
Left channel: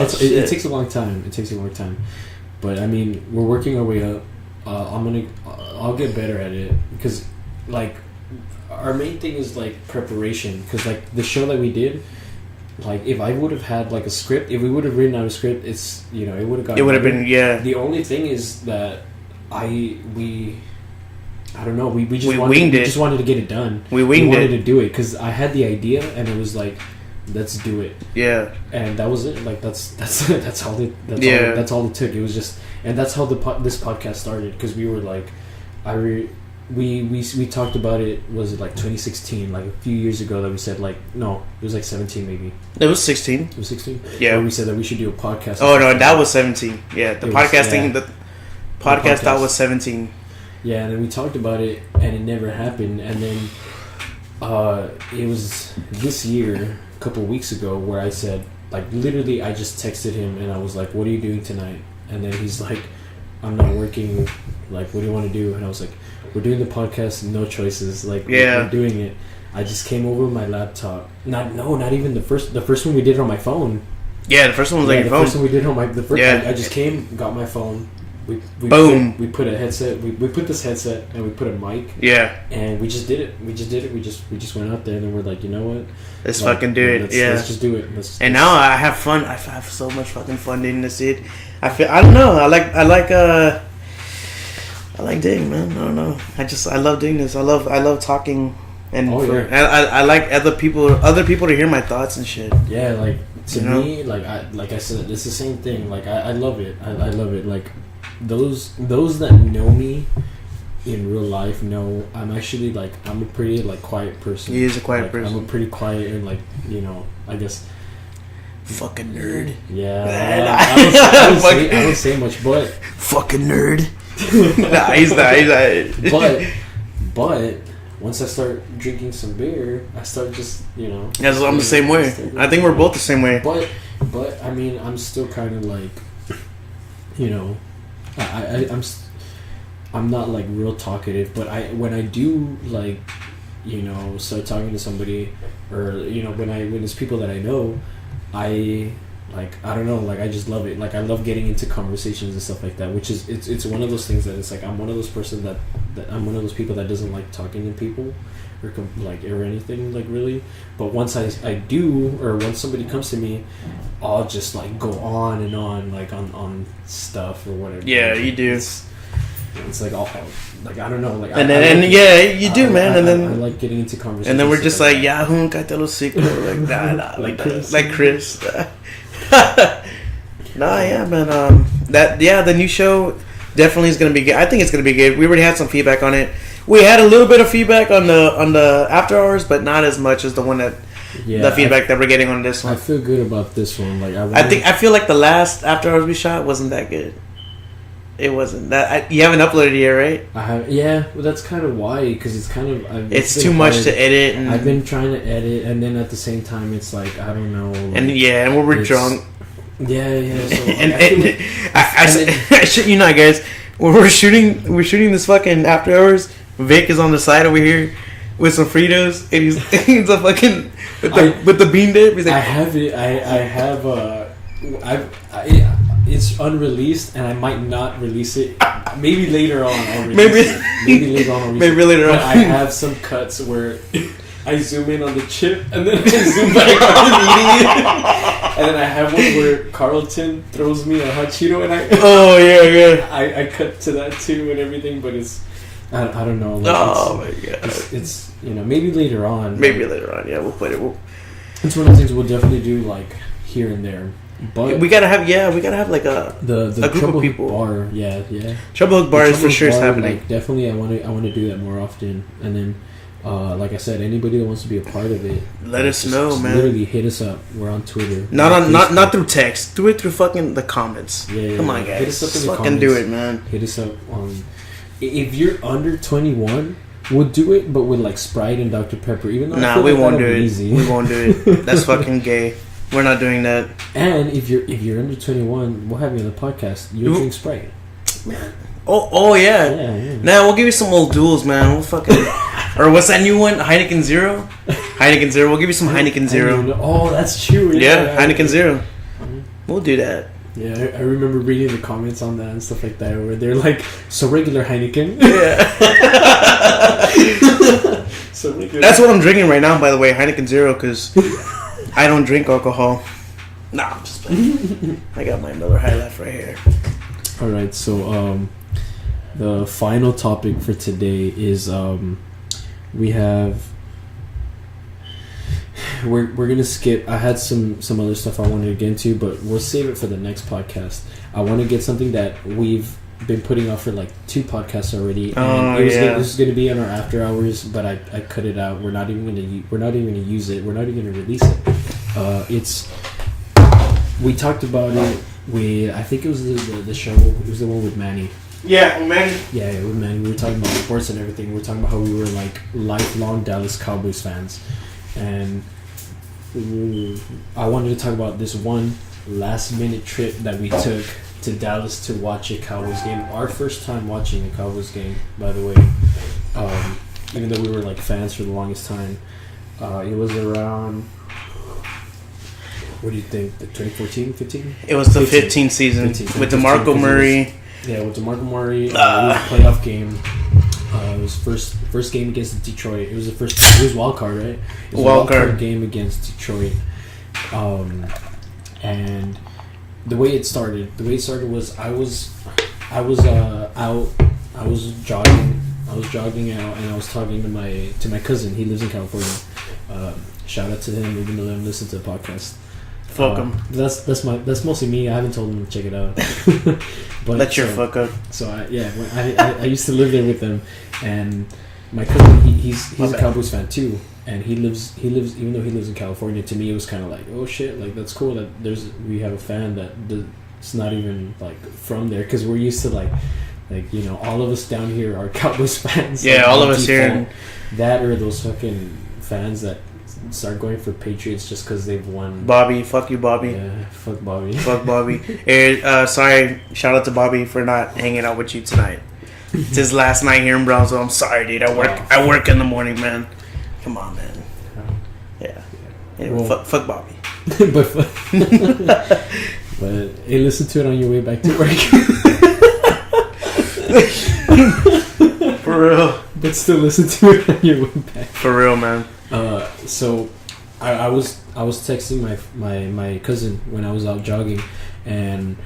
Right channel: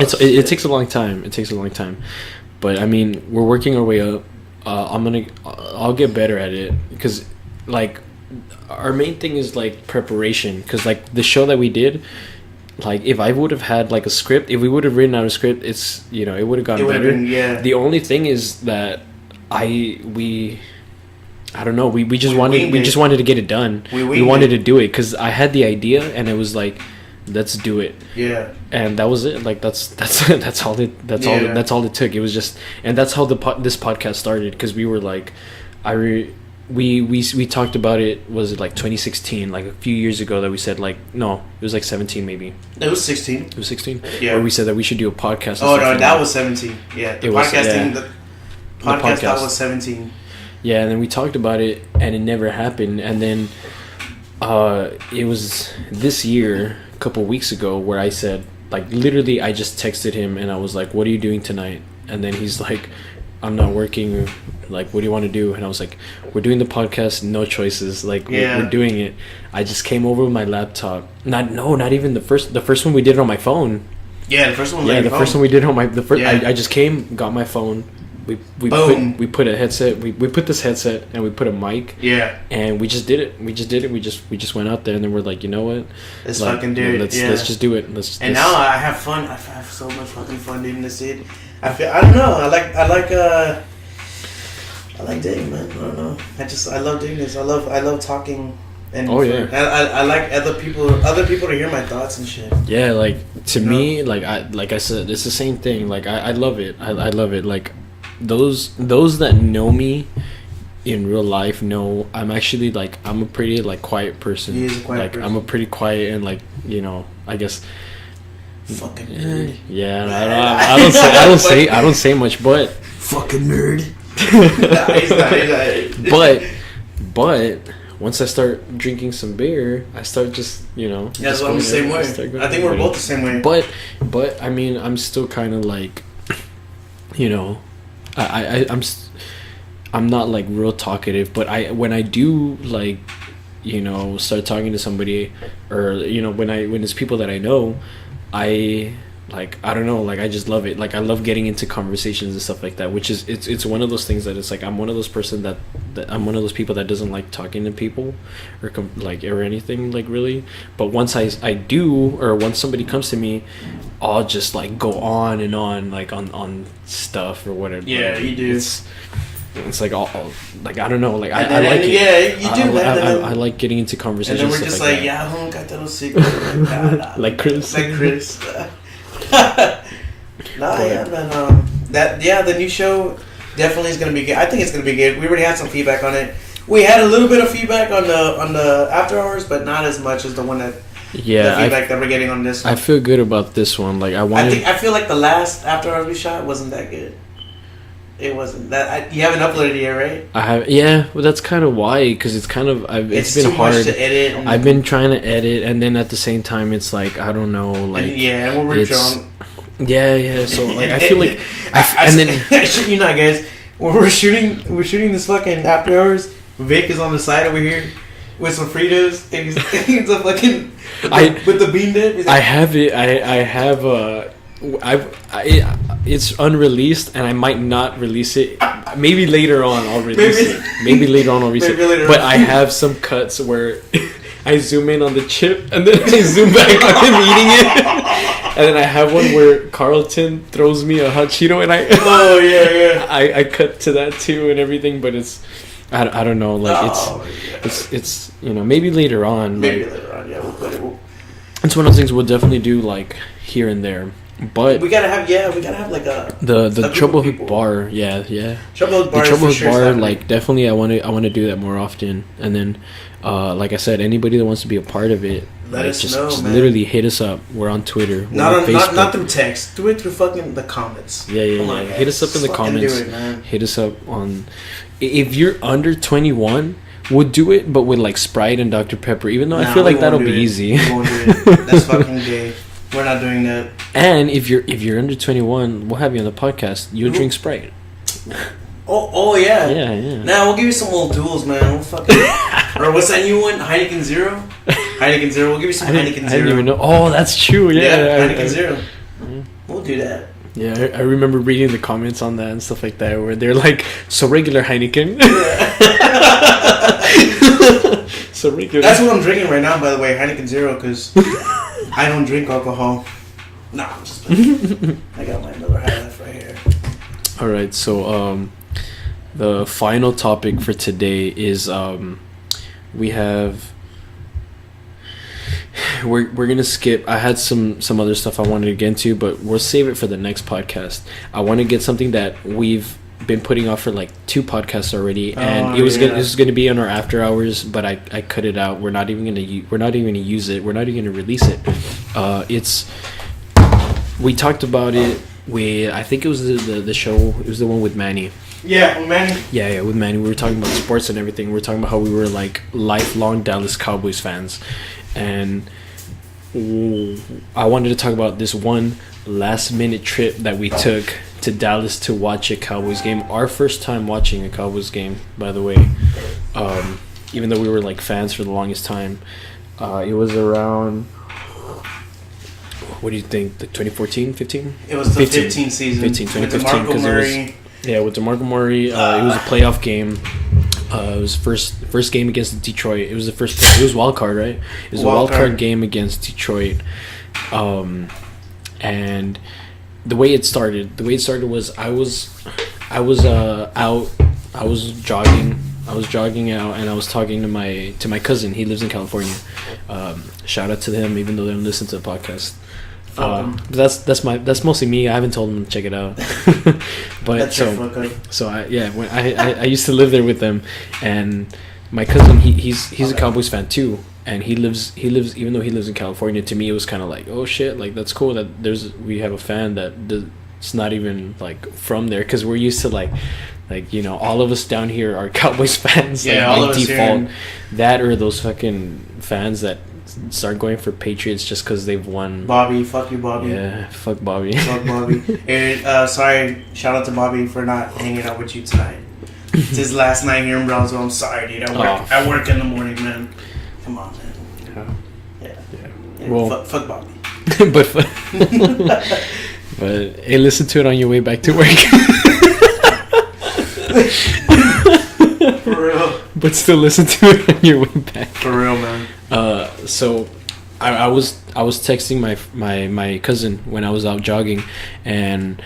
It takes a long time. It takes a long time. But I mean, we're working our way up. I'll get better at it, because like our main thing is like preparation, because like the show that we did, like if I would have had like a script, if we would have written out a script, it's it would have gotten better. Been, yeah. The only thing is that I don't know, we just wanted to get it done. We wanted to do it because I had the idea and it was like, let's do it. Yeah. And that was it. Like that's all it took. It was just, and that's how this podcast started, because we were like, we talked about it, was it like 2016, like a few years ago, that we said like, no, it was like 17 maybe. It was 16. It was 16? Yeah. Where we said that we should do a podcast. Oh no, that was 17. Yeah, the podcast that was 17. Yeah, and then we talked about it and it never happened. And then it was this year, a couple weeks ago, where I said, like literally I just texted him and I was like, what are you doing tonight? And then he's like, I'm not working. Like, what do you want to do? And I was like, we're doing the podcast, no choices. Like, we're doing it. I just came over with my laptop. Not even the first one we did it on my phone. Yeah, the first one was Yeah, like the first one we did on my the first. Yeah. I just came, got my phone. We Boom. put a headset. We put this headset and we put a mic. Yeah. And we just did it. We just went out there and then we're like, you know what? Let's Like, fucking do it. Let's just do it. And now I have fun. I have so much fucking fun doing this shit. I don't know. I like dating, man. I don't know. I love doing this. I love talking. And I like other people to hear my thoughts and shit. Yeah, like to me, like I said, it's the same thing. Like I love it. I love it. Like those that know me in real life know I'm actually like I'm a pretty like quiet person. He is a quiet person. I'm a pretty quiet and like I guess fucking nerd. Yeah, I don't say much, but fucking nerd. Nah, he's not. But once I start drinking some beer, I start just That's what I'm the same way. I think we're both the same way. But I mean, I'm still kind of like, I'm not like real talkative, but when I do like, start talking to somebody, or when it's people that I know, I don't know, like I just love it. Like I love getting into conversations and stuff like that, which is it's one of those things that it's like I'm one of those person that I'm one of those people that doesn't like talking to people or anything like really. But once I do, or once somebody comes to me, I'll just like go on and on like on stuff or whatever. Yeah, you do. It's like all like I don't know, like man. I like getting into conversations. And then we're just like yeah, got that little secret, like nah, like Chris, yeah, man. The new show definitely is gonna be good. I think it's gonna be good. We already had some feedback on it. We had a little bit of feedback on the after hours, but not as much as the one that the feedback that we're getting on this one. I feel good about this one. Like I feel like the last after hours we shot wasn't that good. It wasn't that. You haven't uploaded it yet, right? I have. Yeah, well, that's kind of why, because it's kind of. It's too much to edit. I've been trying to edit, and then at the same time, it's like I don't know. Like, and when we're drunk. Yeah. So like, and, I feel like. I shit you not, guys. When we're shooting this fucking after hours. Vic is on the side over here with some Fritos, and he's a fucking with the bean dip. Like, I have it. I have. It's unreleased, and I might not release it. Maybe later on I'll release it. Maybe later on I'll release it. But I have some cuts where I zoom in on the chip, and then I zoom back on him eating it. And then I have one where Carlton throws me a hot Cheeto, and I cut to that too and everything. But it's I don't know. Like it's maybe later on. Maybe later on, yeah, we'll play it. It's one of the things we'll definitely do like here and there. But we gotta have like the Trouble Hook bar, Trouble Hook bar is for sure. Like definitely, I want to do that more often. And then, like I said, anybody that wants to be a part of it, let us know, man. Literally hit us up. We're on Twitter. Not through text. Do it through fucking the comments. Yeah. Come on, hit us up in the comments. Do it, man. Hit us up on. If you're under 21, we'll do it, but with like Sprite and Dr. Pepper. Even though I feel like that'll be easy. We won't do it. That's fucking gay. We're not doing that. And if you're under 21, we'll have you on the podcast. You drink Sprite. Oh yeah. Yeah. Now we'll give you some old duels, man. We'll fucking or what's that new one? Heineken Zero. Heineken Zero. We'll give you some Heineken Zero. I didn't even know. Oh, that's true. Yeah. Heineken Zero. We'll do that. Yeah, I remember reading the comments on that and stuff like that, where they're like, "So regular Heineken." Yeah. So regular. That's what I'm drinking right now, by the way, Heineken Zero, because I don't drink alcohol. Nah, I'm just I got my Miller High Life right here. All right, so the final topic for today is we're gonna skip. I had some other stuff I wanted to get into, but we'll save it for the next podcast. I want to get something that we've been putting off for like 2 podcasts already, and this is gonna be on our after hours, but I cut it out. We're not even gonna use it. We're not even gonna release it. We talked about it. I think it was the show. It was the one with Manny. Yeah, with Manny. Yeah, with Manny. We were talking about sports and everything. We were talking about how we were like lifelong Dallas Cowboys fans, and I wanted to talk about this one last minute trip that we took to Dallas to watch a Cowboys game. Our first time watching a Cowboys game, by the way. Even though we were like fans for the longest time, it was around. what do you think? The 2014, 15? It was the 15 season 15, with DeMarco Murray. With DeMarco Murray. It was a playoff game. It was first game against Detroit. It was the first. It was wild card, right? It was a wild card game against Detroit. And the way it started was I was out. I was jogging out, and I was talking to my cousin. He lives in California. Shout out to them, even though they don't listen to the podcast. That's mostly me. I haven't told them to check it out. But that's your fuck up. So when I used to live there with them, and my cousin he's a Cowboys fan too, and he lives even though he lives in California. To me, it was kind of like, oh shit, like that's cool that we have a fan it's not even like from there, because we're used to like all of us down here are Cowboys fans. Yeah, all of us here. That or those fucking fans that start going for Patriots just because they've won. Bobby, fuck you, Bobby. Yeah, fuck Bobby. Fuck Bobby. And, sorry, shout out to Bobby for not hanging out with you tonight. It's his last night here in Brownsville. I'm sorry, dude. I work in the morning, man. Come on, man. Yeah. Well, fuck Bobby. but hey, listen to it on your way back to work. For real. But still listen to it on your way back. For real, man. So I was texting my cousin when I was out jogging, and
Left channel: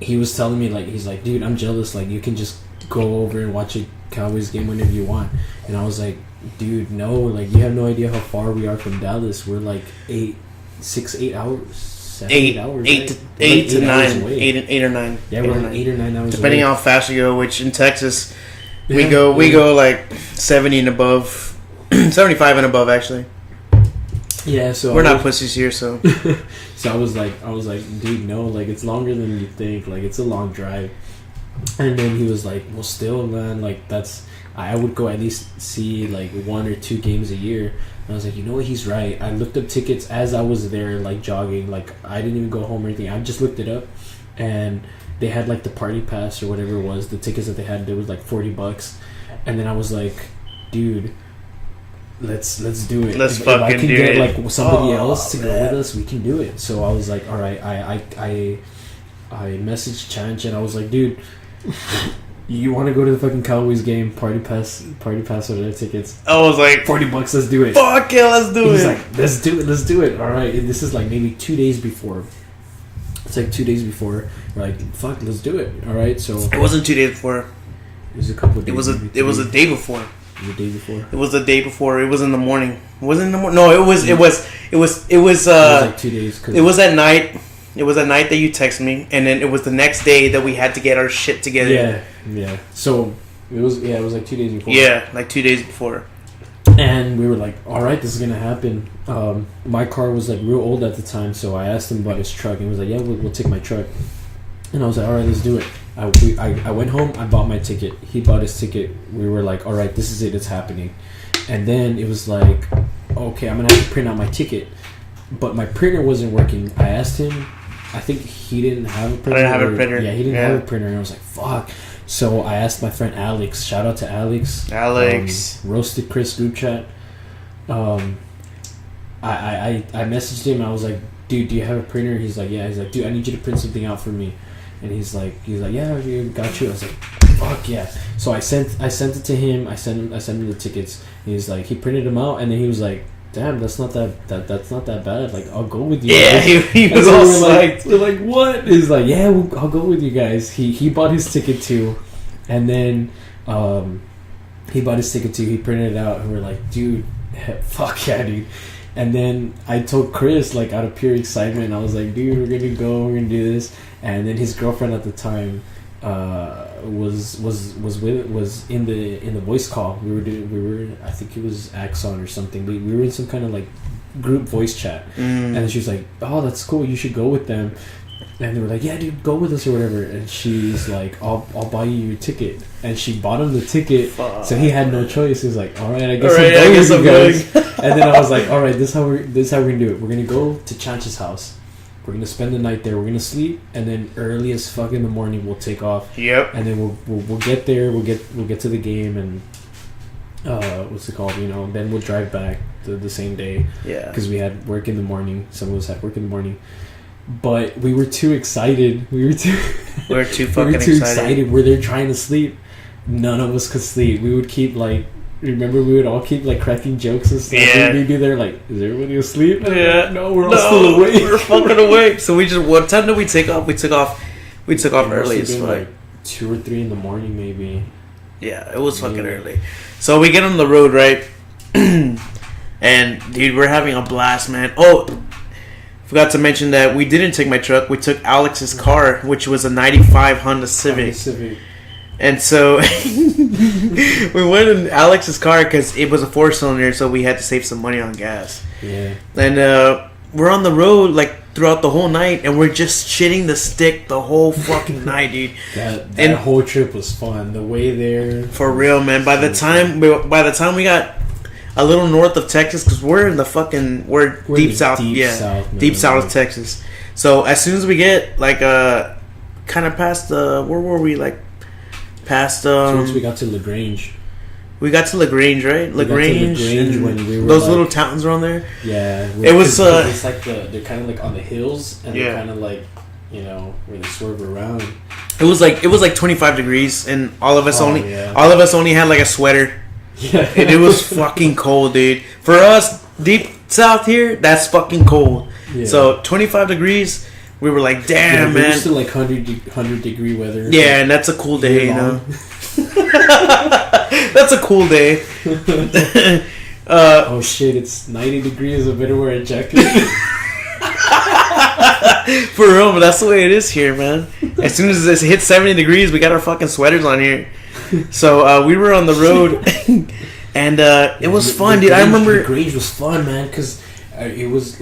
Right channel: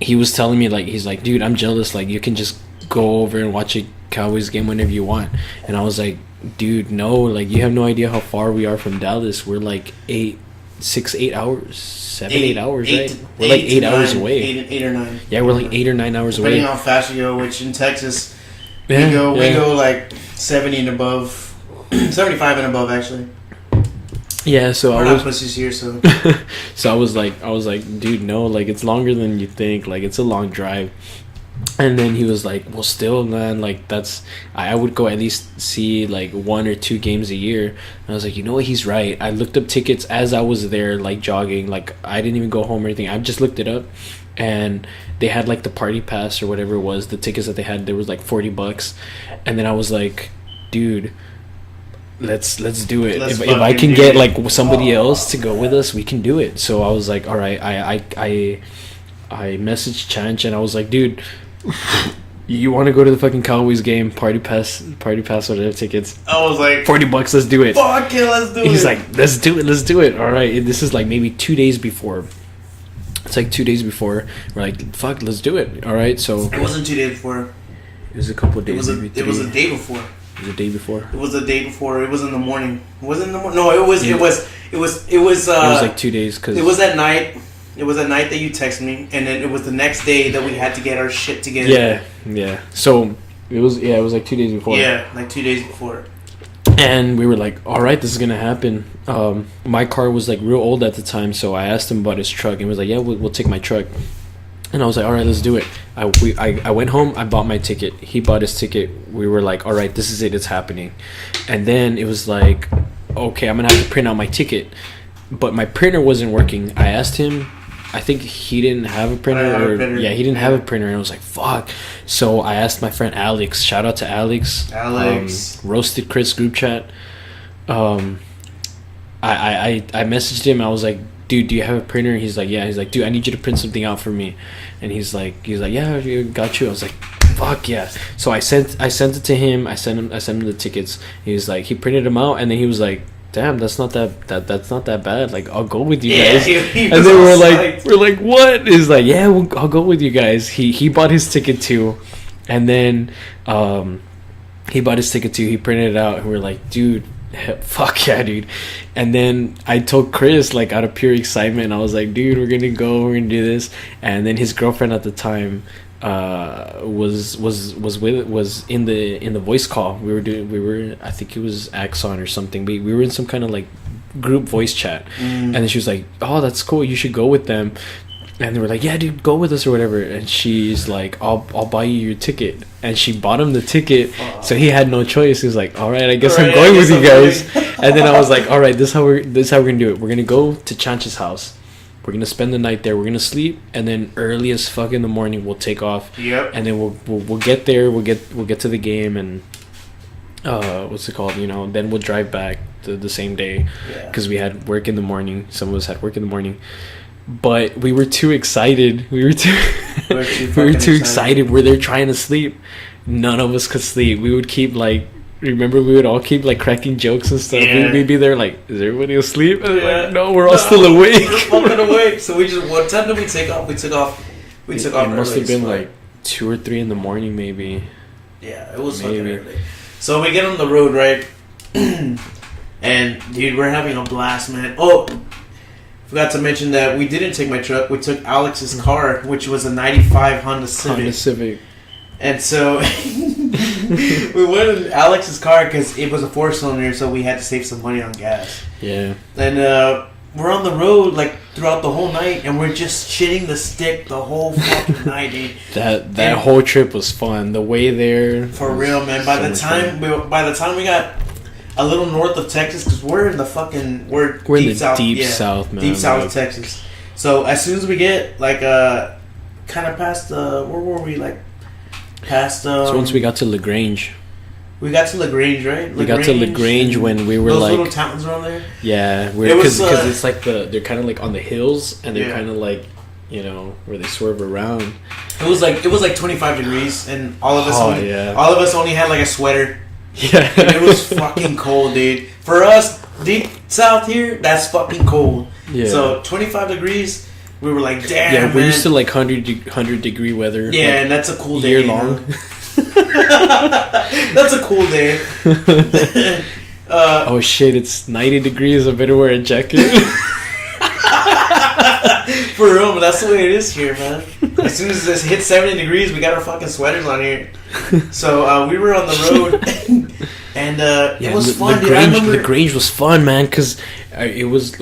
he was telling me, like, he's like, dude, I'm jealous, like, you can just go over and watch a Cowboys game whenever you want. And I was like, dude, no, like, you have no idea how far we are from Dallas. We're like 8 hours, 8 hours, right? 8 hours away. 8 or 9. Yeah, we're like 8 or 9 hours depending away. how fast you go, which in Texas we go like 70 and above, 75 and above actually. Yeah, so we're not pussies here, so. So I was like, dude, no, like, it's longer than you think, like, it's a long drive. And then he was like, well, still, man, like, I would go at least see like 1 or 2 games a year. And I was like, you know what, he's right. I looked up tickets as I was there, like, jogging. Like, I didn't even go home or anything. I just looked it up, and they had like the party pass or whatever it was. The tickets that they had, there was like $40. And then I was like, dude, let's do it. If I can get like somebody else to go with us, we can do it. So I was like, all right. I messaged Chanch, and I was like, dude, you want to go to the fucking Cowboys game? Party pass whatever tickets. I was like, $40. Let's do it. Fuck yeah, let's do it. He's like, let's do it. All right. This is like maybe 2 days before. It's like 2 days before. We're like, fuck, let's do it. All right. So it wasn't 2 days before. It was a couple of days. It was a day before. It was a day before. It was the day before. It was in the morning. It wasn't in the morning. No, it was like 2 days. Cause it was at night. It was at night that you texted me, and then it was the next day that we had to get our shit together. Yeah. So it was like 2 days before. Yeah, like 2 days before. And we were like, all right, this is gonna happen. My car was like real old at the time, so I asked him about his truck, and he was like, yeah, we'll take my truck. And I was like, all right, let's do it. I went home, I bought my ticket. He bought his ticket. We were like, all right, this is it, it's happening. And then it was like, okay, I'm gonna have to print out my ticket. But my printer wasn't working. I asked him, I think he didn't have a printer. Yeah, he didn't have a printer, and I was like, fuck. So I asked my friend Alex. Shout out to Alex. Roasted Chris group chat. I messaged him. I was like, dude, do you have a printer? He's like, yeah. He's like, dude, I need you to print something out for me. And he's like, yeah, got you. I was like, fuck yeah. So I sent it to him. I sent him the tickets. He's like, he printed them out, and then he was like, damn, that's not that bad. Like, I'll go with you. Yeah, guys. he was all we're like, what? He's like, yeah, I'll go with you guys. He bought his ticket too, and then he bought his ticket too. He printed it out, and we're like, dude, fuck yeah, dude. And then I told Chris, like, out of pure excitement, I was like, dude, we're gonna do this. And then his girlfriend at the time was in the voice call. We were I think it was Axon or something, but we were in some kind of like group voice chat. And then she was like, oh, that's cool, you should go with them. And they were like, yeah, dude, go with us or whatever. And she's like, I'll buy you your ticket. And she bought him the ticket, so he had no choice. He was like, all right, I guess I'm going with you guys. And then I was like, all right, this is how we're gonna do it. We're gonna go to Chanch's house. We're gonna spend the night there. We're gonna sleep, and then early as fuck in the morning we'll take off. Yep. And then we'll get there. We'll get to the game, and what's it called? You know. Then we'll drive back. the same day Yeah. because we had work in the morning. Some of us had work in the morning, but we were too excited. We were too excited. We're there trying to sleep. None of us could sleep. We would keep like. Remember, we would all keep like cracking jokes and stuff. Yeah. We'd be there like, is everybody asleep? And Yeah. like, no, we're all still awake. We're fucking awake. So we just. What time did we take off? We took off. We took off It must early. have been as fuck. like 2 or 3 in the morning, maybe. Yeah, it was fucking Maybe. early. So we get on the road, right? And dude, we're having a blast, man. Oh, forgot to mention that we didn't take my truck. We took Alex's car, which was a '95 Honda Civic. Honda Civic. And so we went in Alex's car because it was a 4-cylinder, so we had to save some money on gas. Yeah. And we're on the road like throughout the whole night, and we're just shitting the stick the whole fucking night, dude. That And- whole trip was fun. The way there. For real, man. By the time we got a little north of Texas, because we're in the fucking We're deep in the south, deep south, man. deep south of Texas. So as soon as we get like kind of past where were we like past So once we got to LaGrange. we got to LaGrange, right? We got to LaGrange when we were those like little towns around there. yeah, It was, because it's like they're kind of like on the hills and they're Yeah. kind of like where they swerve around. It was like 25 degrees, and all of us Oh, only had like a sweater. Yeah, And it was fucking cold, dude. For us, deep south here, that's fucking cold. Yeah. So 25 degrees, we were like, damn, yeah, we're man. used to like 100 degree weather. Yeah, and that's a cool day. year You know? long. That's a cool day. Oh shit! It's 90 degrees. I better wear a jacket. For real, but that's the way it is here, man. As soon as it hits 70 degrees, we got our fucking sweaters on here. So we were on the road, and it was fun, dude. I remember LaGrange was fun, man, because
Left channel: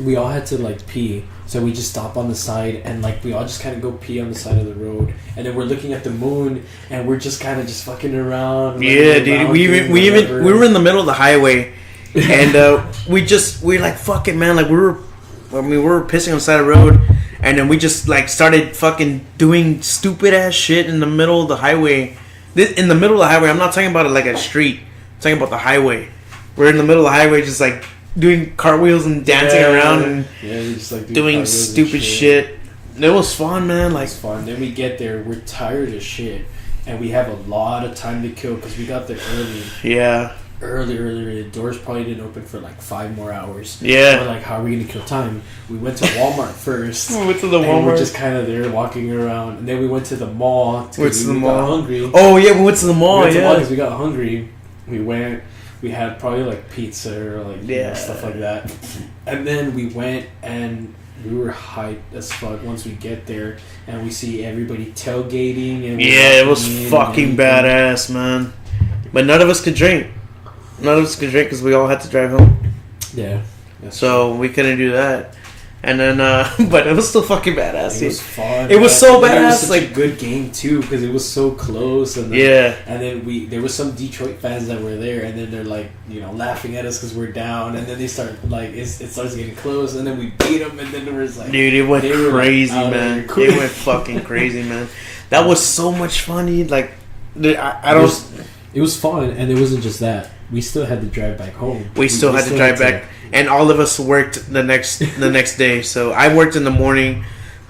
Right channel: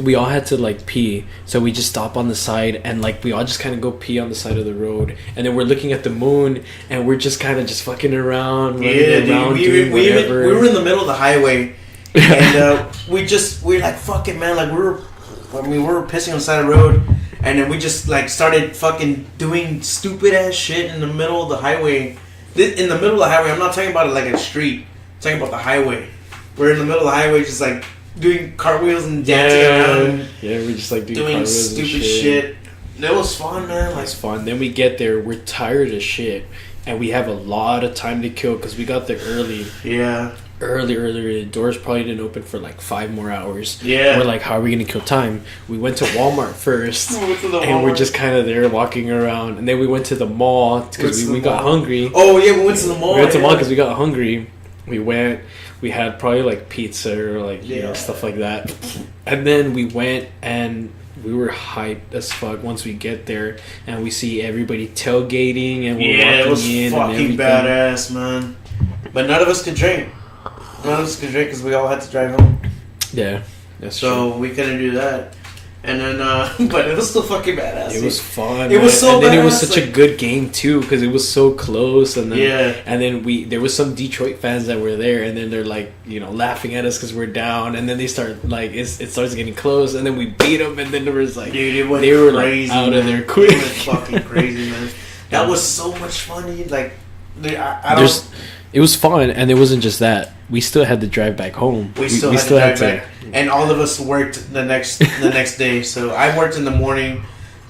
we all had to like pee, so we just stop on the side and like we all just kind of go pee on the side of the road, and then we're looking at the moon and we're just kind of just fucking around. Yeah, dude. We were in the middle of the highway, and we're like fucking man, like we were pissing on the side of the road, and then we just like started fucking doing stupid ass shit in the middle of the highway. In the middle of the highway, I'm not talking about it like a street. I'm talking about the highway. We're in the middle of the highway, just like doing cartwheels and dancing around, Yeah, we just like doing stupid shit. It was fun, man. Like It's fun. Then we get there, we're tired as shit, and we have a lot of time to kill because we got there yeah. early. The doors probably didn't open for like 5 more hours. Yeah. We're like, how are we gonna kill time? We went to Walmart first. We went to the And we're Walmart. just kind of there walking around, and then we went to the mall Went because to we the got mall. hungry. Oh yeah, we went to the mall. We went to the mall yeah. because we got hungry. We went. We had probably like pizza or like Yeah. stuff like that, and then we went and we were hyped as fuck once we get there and we see everybody tailgating and we're Yeah, it was walking in and fucking everything. badass, man. But none of us could drink. None of us could drink because we all had to drive home. Yeah, that's So we couldn't do that. And then, but it was still fucking badass. true. It dude. was fun. It was so and then it was badass, such a like- good game too because it was so close. And then, Yeah. and then there was some Detroit fans that were there, and then they're like, laughing at us because we're down, and then they start like it starts getting close, and then we beat them, and then there was like, Dude, it went they were, like, crazy, out of man. their It quick. went fucking crazy, man. That was so much fun, dude. Like, dude, I don't. There's- It was fun, and it wasn't just that. We still had to drive back home. We still had to drive back, and all of us worked the next day. So I worked in the morning.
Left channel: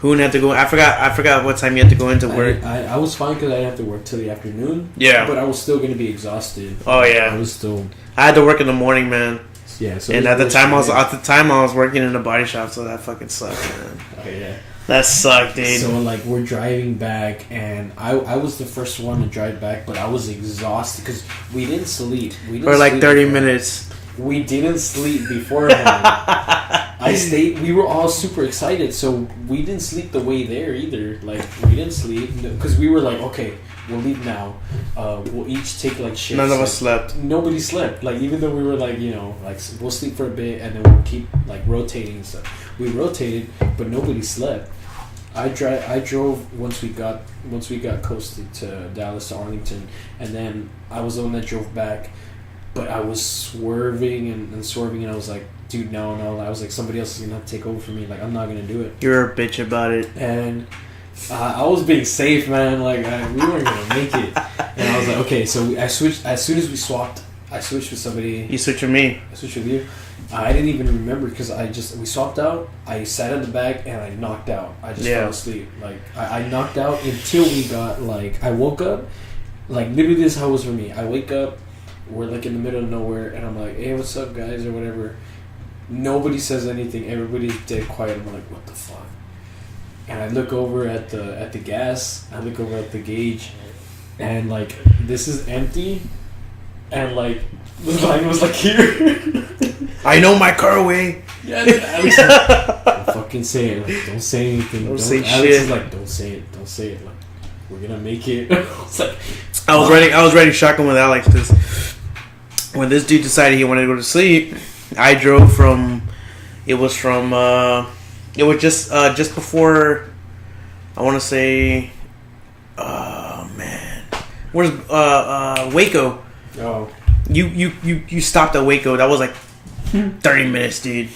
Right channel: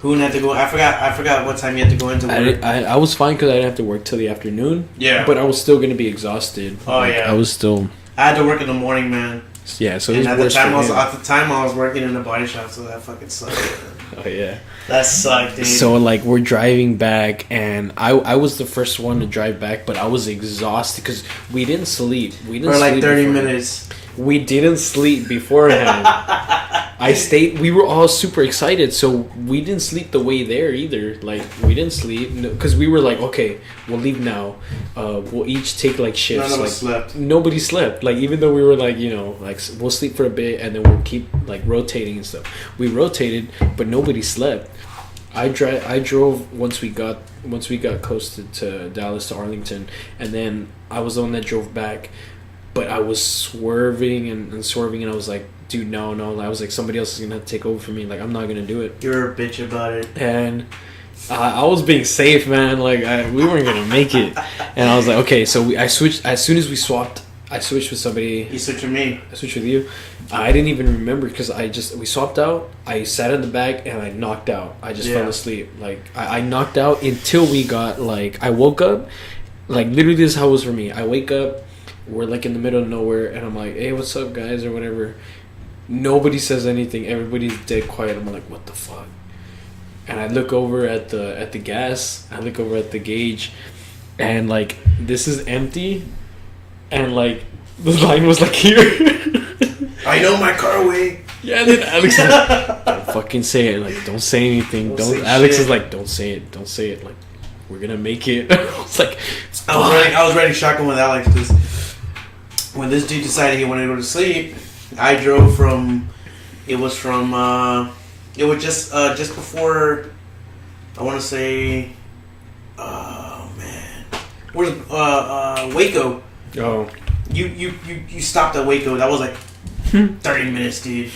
Hoon had to go. I forgot what time you had to go into work. I was fine because I didn't have to work till the afternoon. Yeah. But I was still gonna be exhausted. Oh yeah. I was still. I had to work in the morning, man. Yeah. So. And it at the was time straight. I was working in a body shop, so that fucking sucked, man. Oh yeah. That sucked, dude. So like we're driving back, and I was the first one to drive back, but I was exhausted because we didn't sleep. We didn't for like sleep 30 before. minutes. We didn't sleep beforehand. I stayed. We were all super excited, so we didn't sleep the way there either. Like we didn't sleep because we were like, okay, we'll leave now. We'll each take like shifts. None of like, us slept. Nobody slept. Like even though we were like, like we'll sleep for a bit and then we'll keep like rotating and stuff. We rotated, but nobody slept. I drove once we got coasted to Dallas to Arlington, and then I was the one that drove back. But I was swerving and swerving, and I was like, dude, no. I was like, somebody else is gonna have to take over for me. Like, I'm not gonna do it. You're a bitch about it. And I was being safe, man. Like, we weren't gonna make it. And I was like, okay. So I switched as soon as we swapped I switched with somebody. You switched with me. I switched with you. I didn't even remember because we swapped out. I sat in the back and I knocked out. I just fell asleep. Like I knocked out until we got like I woke up. Like literally, this is how it was for me. I wake up, we're like in the middle of nowhere, and I'm like, "Hey, what's up, guys?" or whatever. Nobody says anything. Everybody's dead quiet. I'm like, "What the fuck?" And I look over at the gas. I look over at the gauge, and like this is empty, and like the line was like here. I know my car away. Yeah, then Alex is like, don't fucking say it. Like, don't say anything. Don't say Alex shit. is like, don't say it. Don't say it. Like, we're gonna make it. I was like, I was riding shotgun with Alex because when this dude decided he wanted to go to sleep, I drove from. It was just before. I want to say. Oh man, where's Waco? Oh, You stopped at Waco. That was like 30 minutes, dude.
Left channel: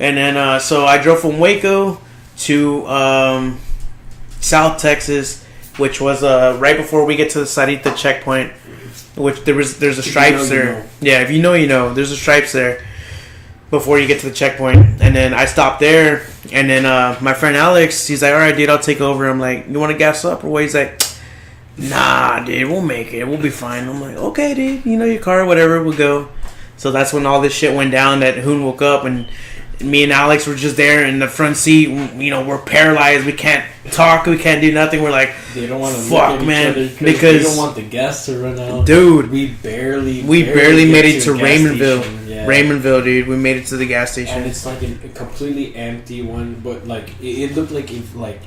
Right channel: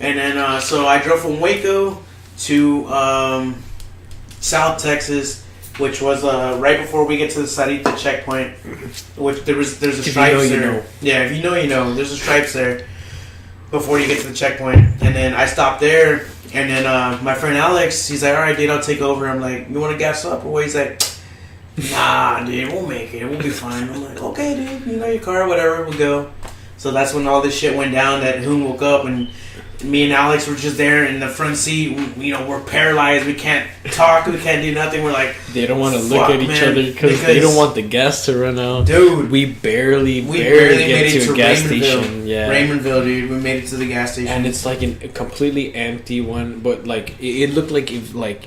And then so I drove from Waco to South Texas, which was right before we get to the Sarita checkpoint. Which there's a stripes there. Know. Yeah, if you know, you know. There's a stripes there before you get to the checkpoint. And then I stopped there, and then my friend Alex, he's like, "All right, dude, I'll take over." I'm like, "You want to gas up?" Or what? He's like, "Nah, dude, we'll make it. We'll be fine." I'm like, "Okay, dude, you know your car, whatever, we'll go." So that's when all this shit went down. That Hoon woke up, and me and Alex were just there in the front seat. You know, we're paralyzed. We can't talk. We can't do nothing. We're like, they don't want to look at each other because they don't want the gas to run out. Dude, we barely made it to a gas Raymondville. station. Yeah. Raymondville, dude. We made it to the gas station, And it's like a completely empty one, but like it looked like if like.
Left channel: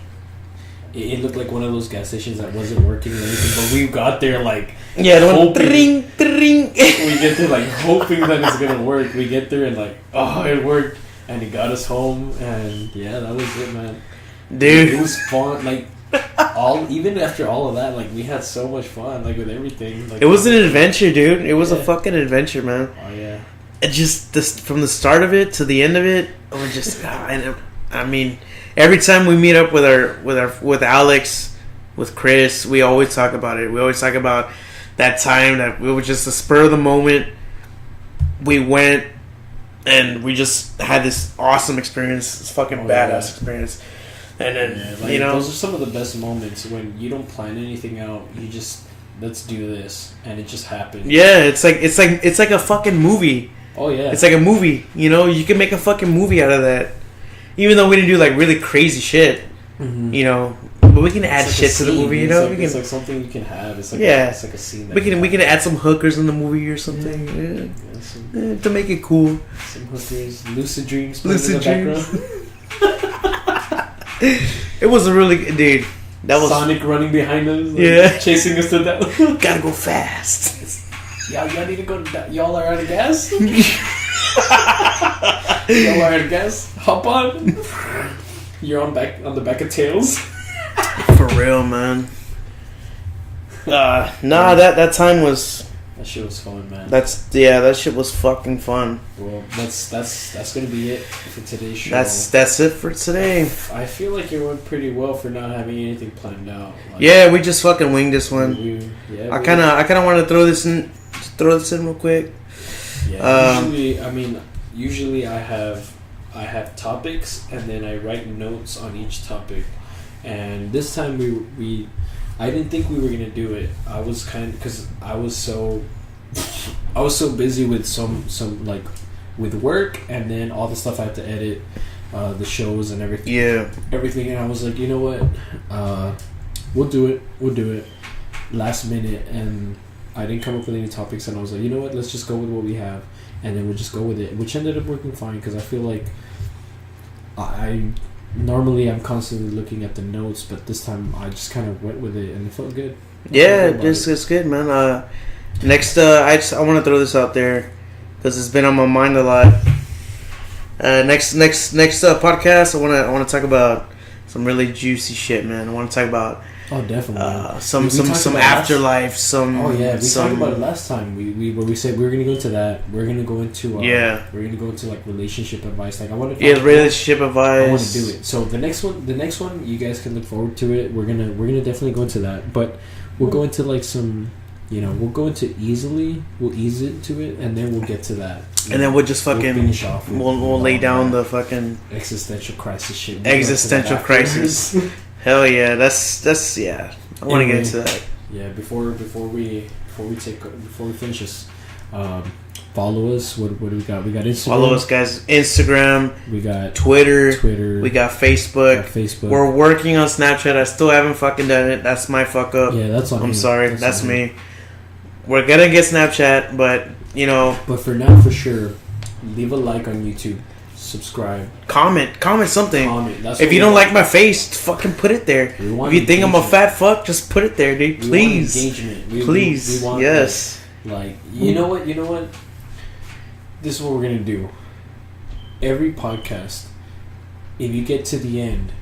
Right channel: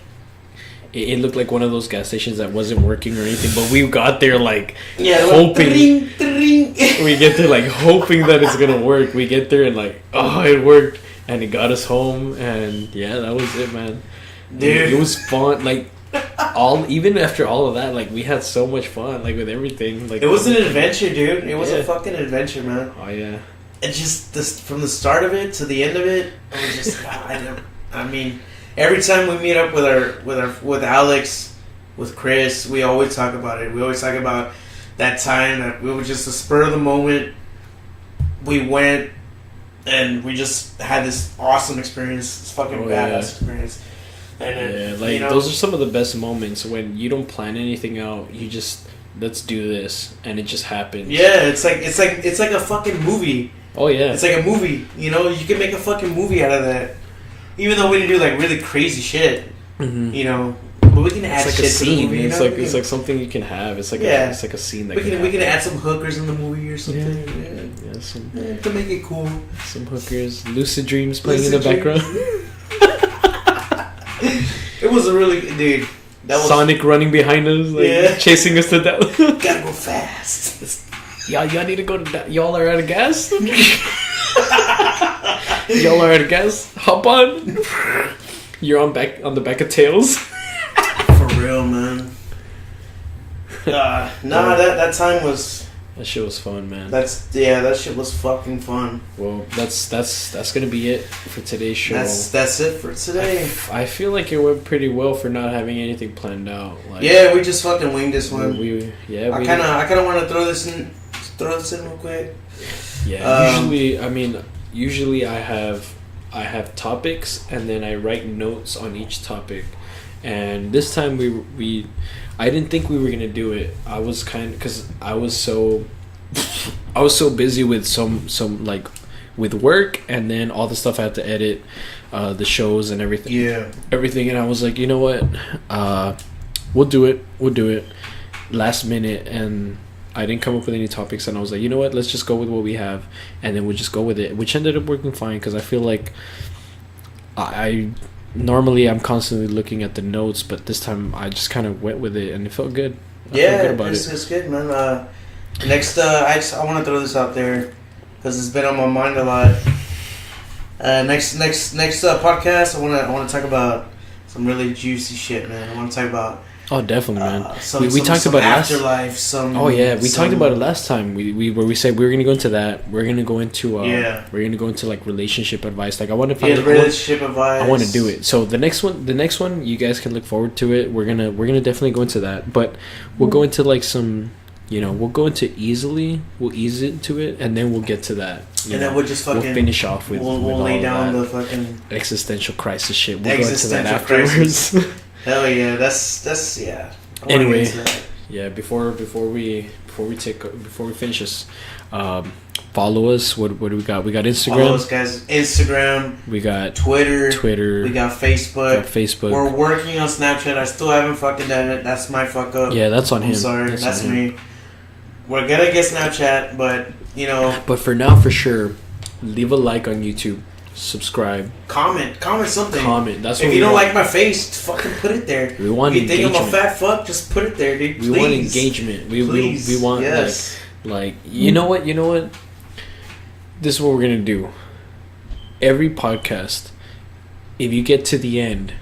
It looked like one of those gas stations that wasn't working or anything, but we got there like hoping. Dring, dring. We get there like hoping that it's gonna work. We get there and like, oh, it worked, and it got us home, and yeah, that was it, man. Dude, it was fun. Like even after all of that, like we had so much fun, like with everything. Like it was an adventure, dude. It was Yeah. a fucking adventure, man. Oh yeah. It just this from the start of it to the end of it. I was just, I mean. Every time we meet up with Alex, with Chris, we always talk about it. We always talk about that time that we were just a spur of the moment. We went and we just had this awesome experience, this fucking badass experience. And then, like you know, those are some of the best moments when you don't plan anything out. You just let's do this, and it just happens. Yeah, it's like a fucking movie. Oh yeah, it's like a movie. You know, you can make a fucking movie out of that. Even though we didn't do like really crazy shit, you know, but we can add shit to the movie. You know, it's like something you can have. It's like it's like a scene that we can add some hookers in the movie or something. Yeah. To make it cool. Some hookers, lucid dreams playing in the background. It was a really dude. That was Sonic running behind us, like, chasing us to death. Gotta go fast. Y'all need to go to y'all are out of gas. Y'all are out of gas. Hop on. You're on the back of Tails. For real, man. That time was. That shit was fun, man. That shit was fucking fun. Well, that's gonna be it for today's show. That's it for today. I feel like it went pretty well for not having anything planned out. Like, yeah, we just fucking winged this one. I kind of want to throw this in real quick. Yeah. Usually I have topics and then I write notes on each topic, and this time I didn't think we were gonna do it. I was because I was so busy with some like with work, and then all the stuff I had to edit, the shows and everything. Yeah. Everything, and I was like, you know what, we'll do it last minute, and I didn't come up with any topics, and I was like, you know what, let's just go with what we have, and then we'll just go with it, which ended up working fine because I feel like normally I'm constantly looking at the notes, but this time I just kind of went with it, and it felt good. It's good, man. Next, I want to throw this out there because it's been on my mind a lot. Next podcast, I want to talk about some really juicy shit, man. I want to talk about. Oh, definitely, man. We talked about afterlife. We talked about it last time. We said we were gonna go into that. We're gonna go into We're gonna go into like relationship advice. Like I want to find relationship advice. I want to do it. So the next one, you guys can look forward to it. We're gonna definitely go into that. But we'll go into like some we'll go into we'll ease into it, and then we'll get to that. And then we'll just fucking we'll finish off with. We'll lay down the fucking existential crisis shit. Existential crisis. Hell yeah, that's yeah. I want to get into that. Yeah, before we finish this, follow us. What do we got? We got Instagram. Follow us, guys. Instagram. We got Twitter. We got Facebook. We're working on Snapchat. I still haven't fucking done it. That's my fuck up. Yeah, that's on him. I'm sorry. That's me. We're gonna get Snapchat, but But for now, for sure, leave a like on YouTube. Subscribe. Comment something. That's if you don't like my face, fucking put it there. We want if you think I'm a fat fuck, just put it there, dude. Please. We want engagement. Please. We want yes. Like you know what? This is what we're gonna do. Every podcast, if you get to the end,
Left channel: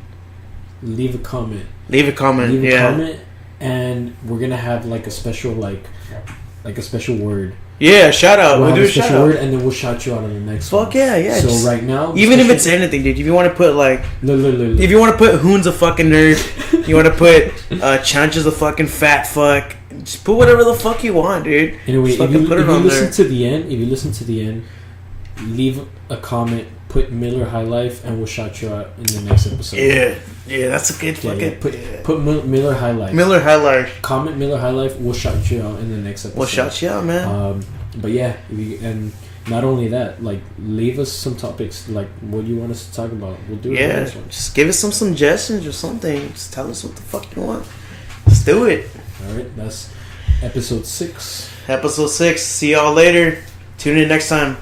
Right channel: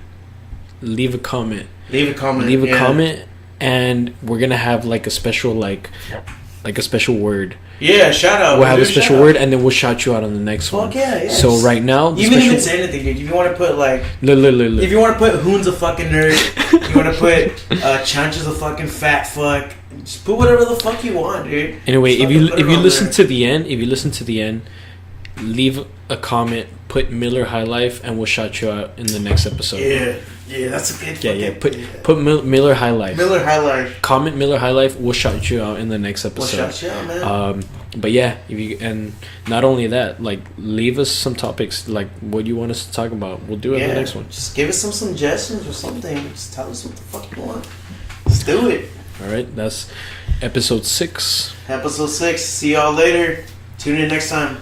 leave a comment. Leave a comment, and we're gonna have like a special a special word. Yeah, shout out. We'll have a special word, and then we'll shout you out on the next one. Fuck yeah, yeah. So right now, even if it's anything, dude. If you want to put look. If you want to put Hoon's a fucking nerd, you want to put Chancha's a fucking fat fuck. Just put whatever the fuck you want, dude. Anyway, if you listen to the end, leave a comment. Put Miller High Life, and we'll shout you out in the next episode. Yeah, that's a good. Put Miller High Life. Miller High Life. Comment Miller High Life. We'll shout you out in the next episode. We'll shout you out, man. But yeah, and not only that, leave us some topics, what you want us to talk about. We'll do it in the next one. Just give us some suggestions or something. Just tell us what the fuck you want. Let's do it. All right, that's episode 6. See y'all later. Tune in next time.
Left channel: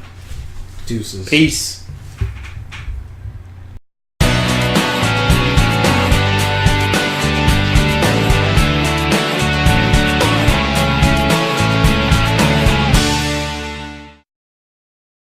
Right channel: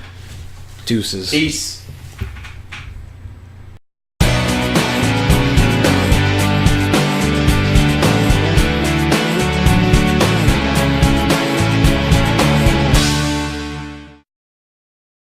Deuces. Peace.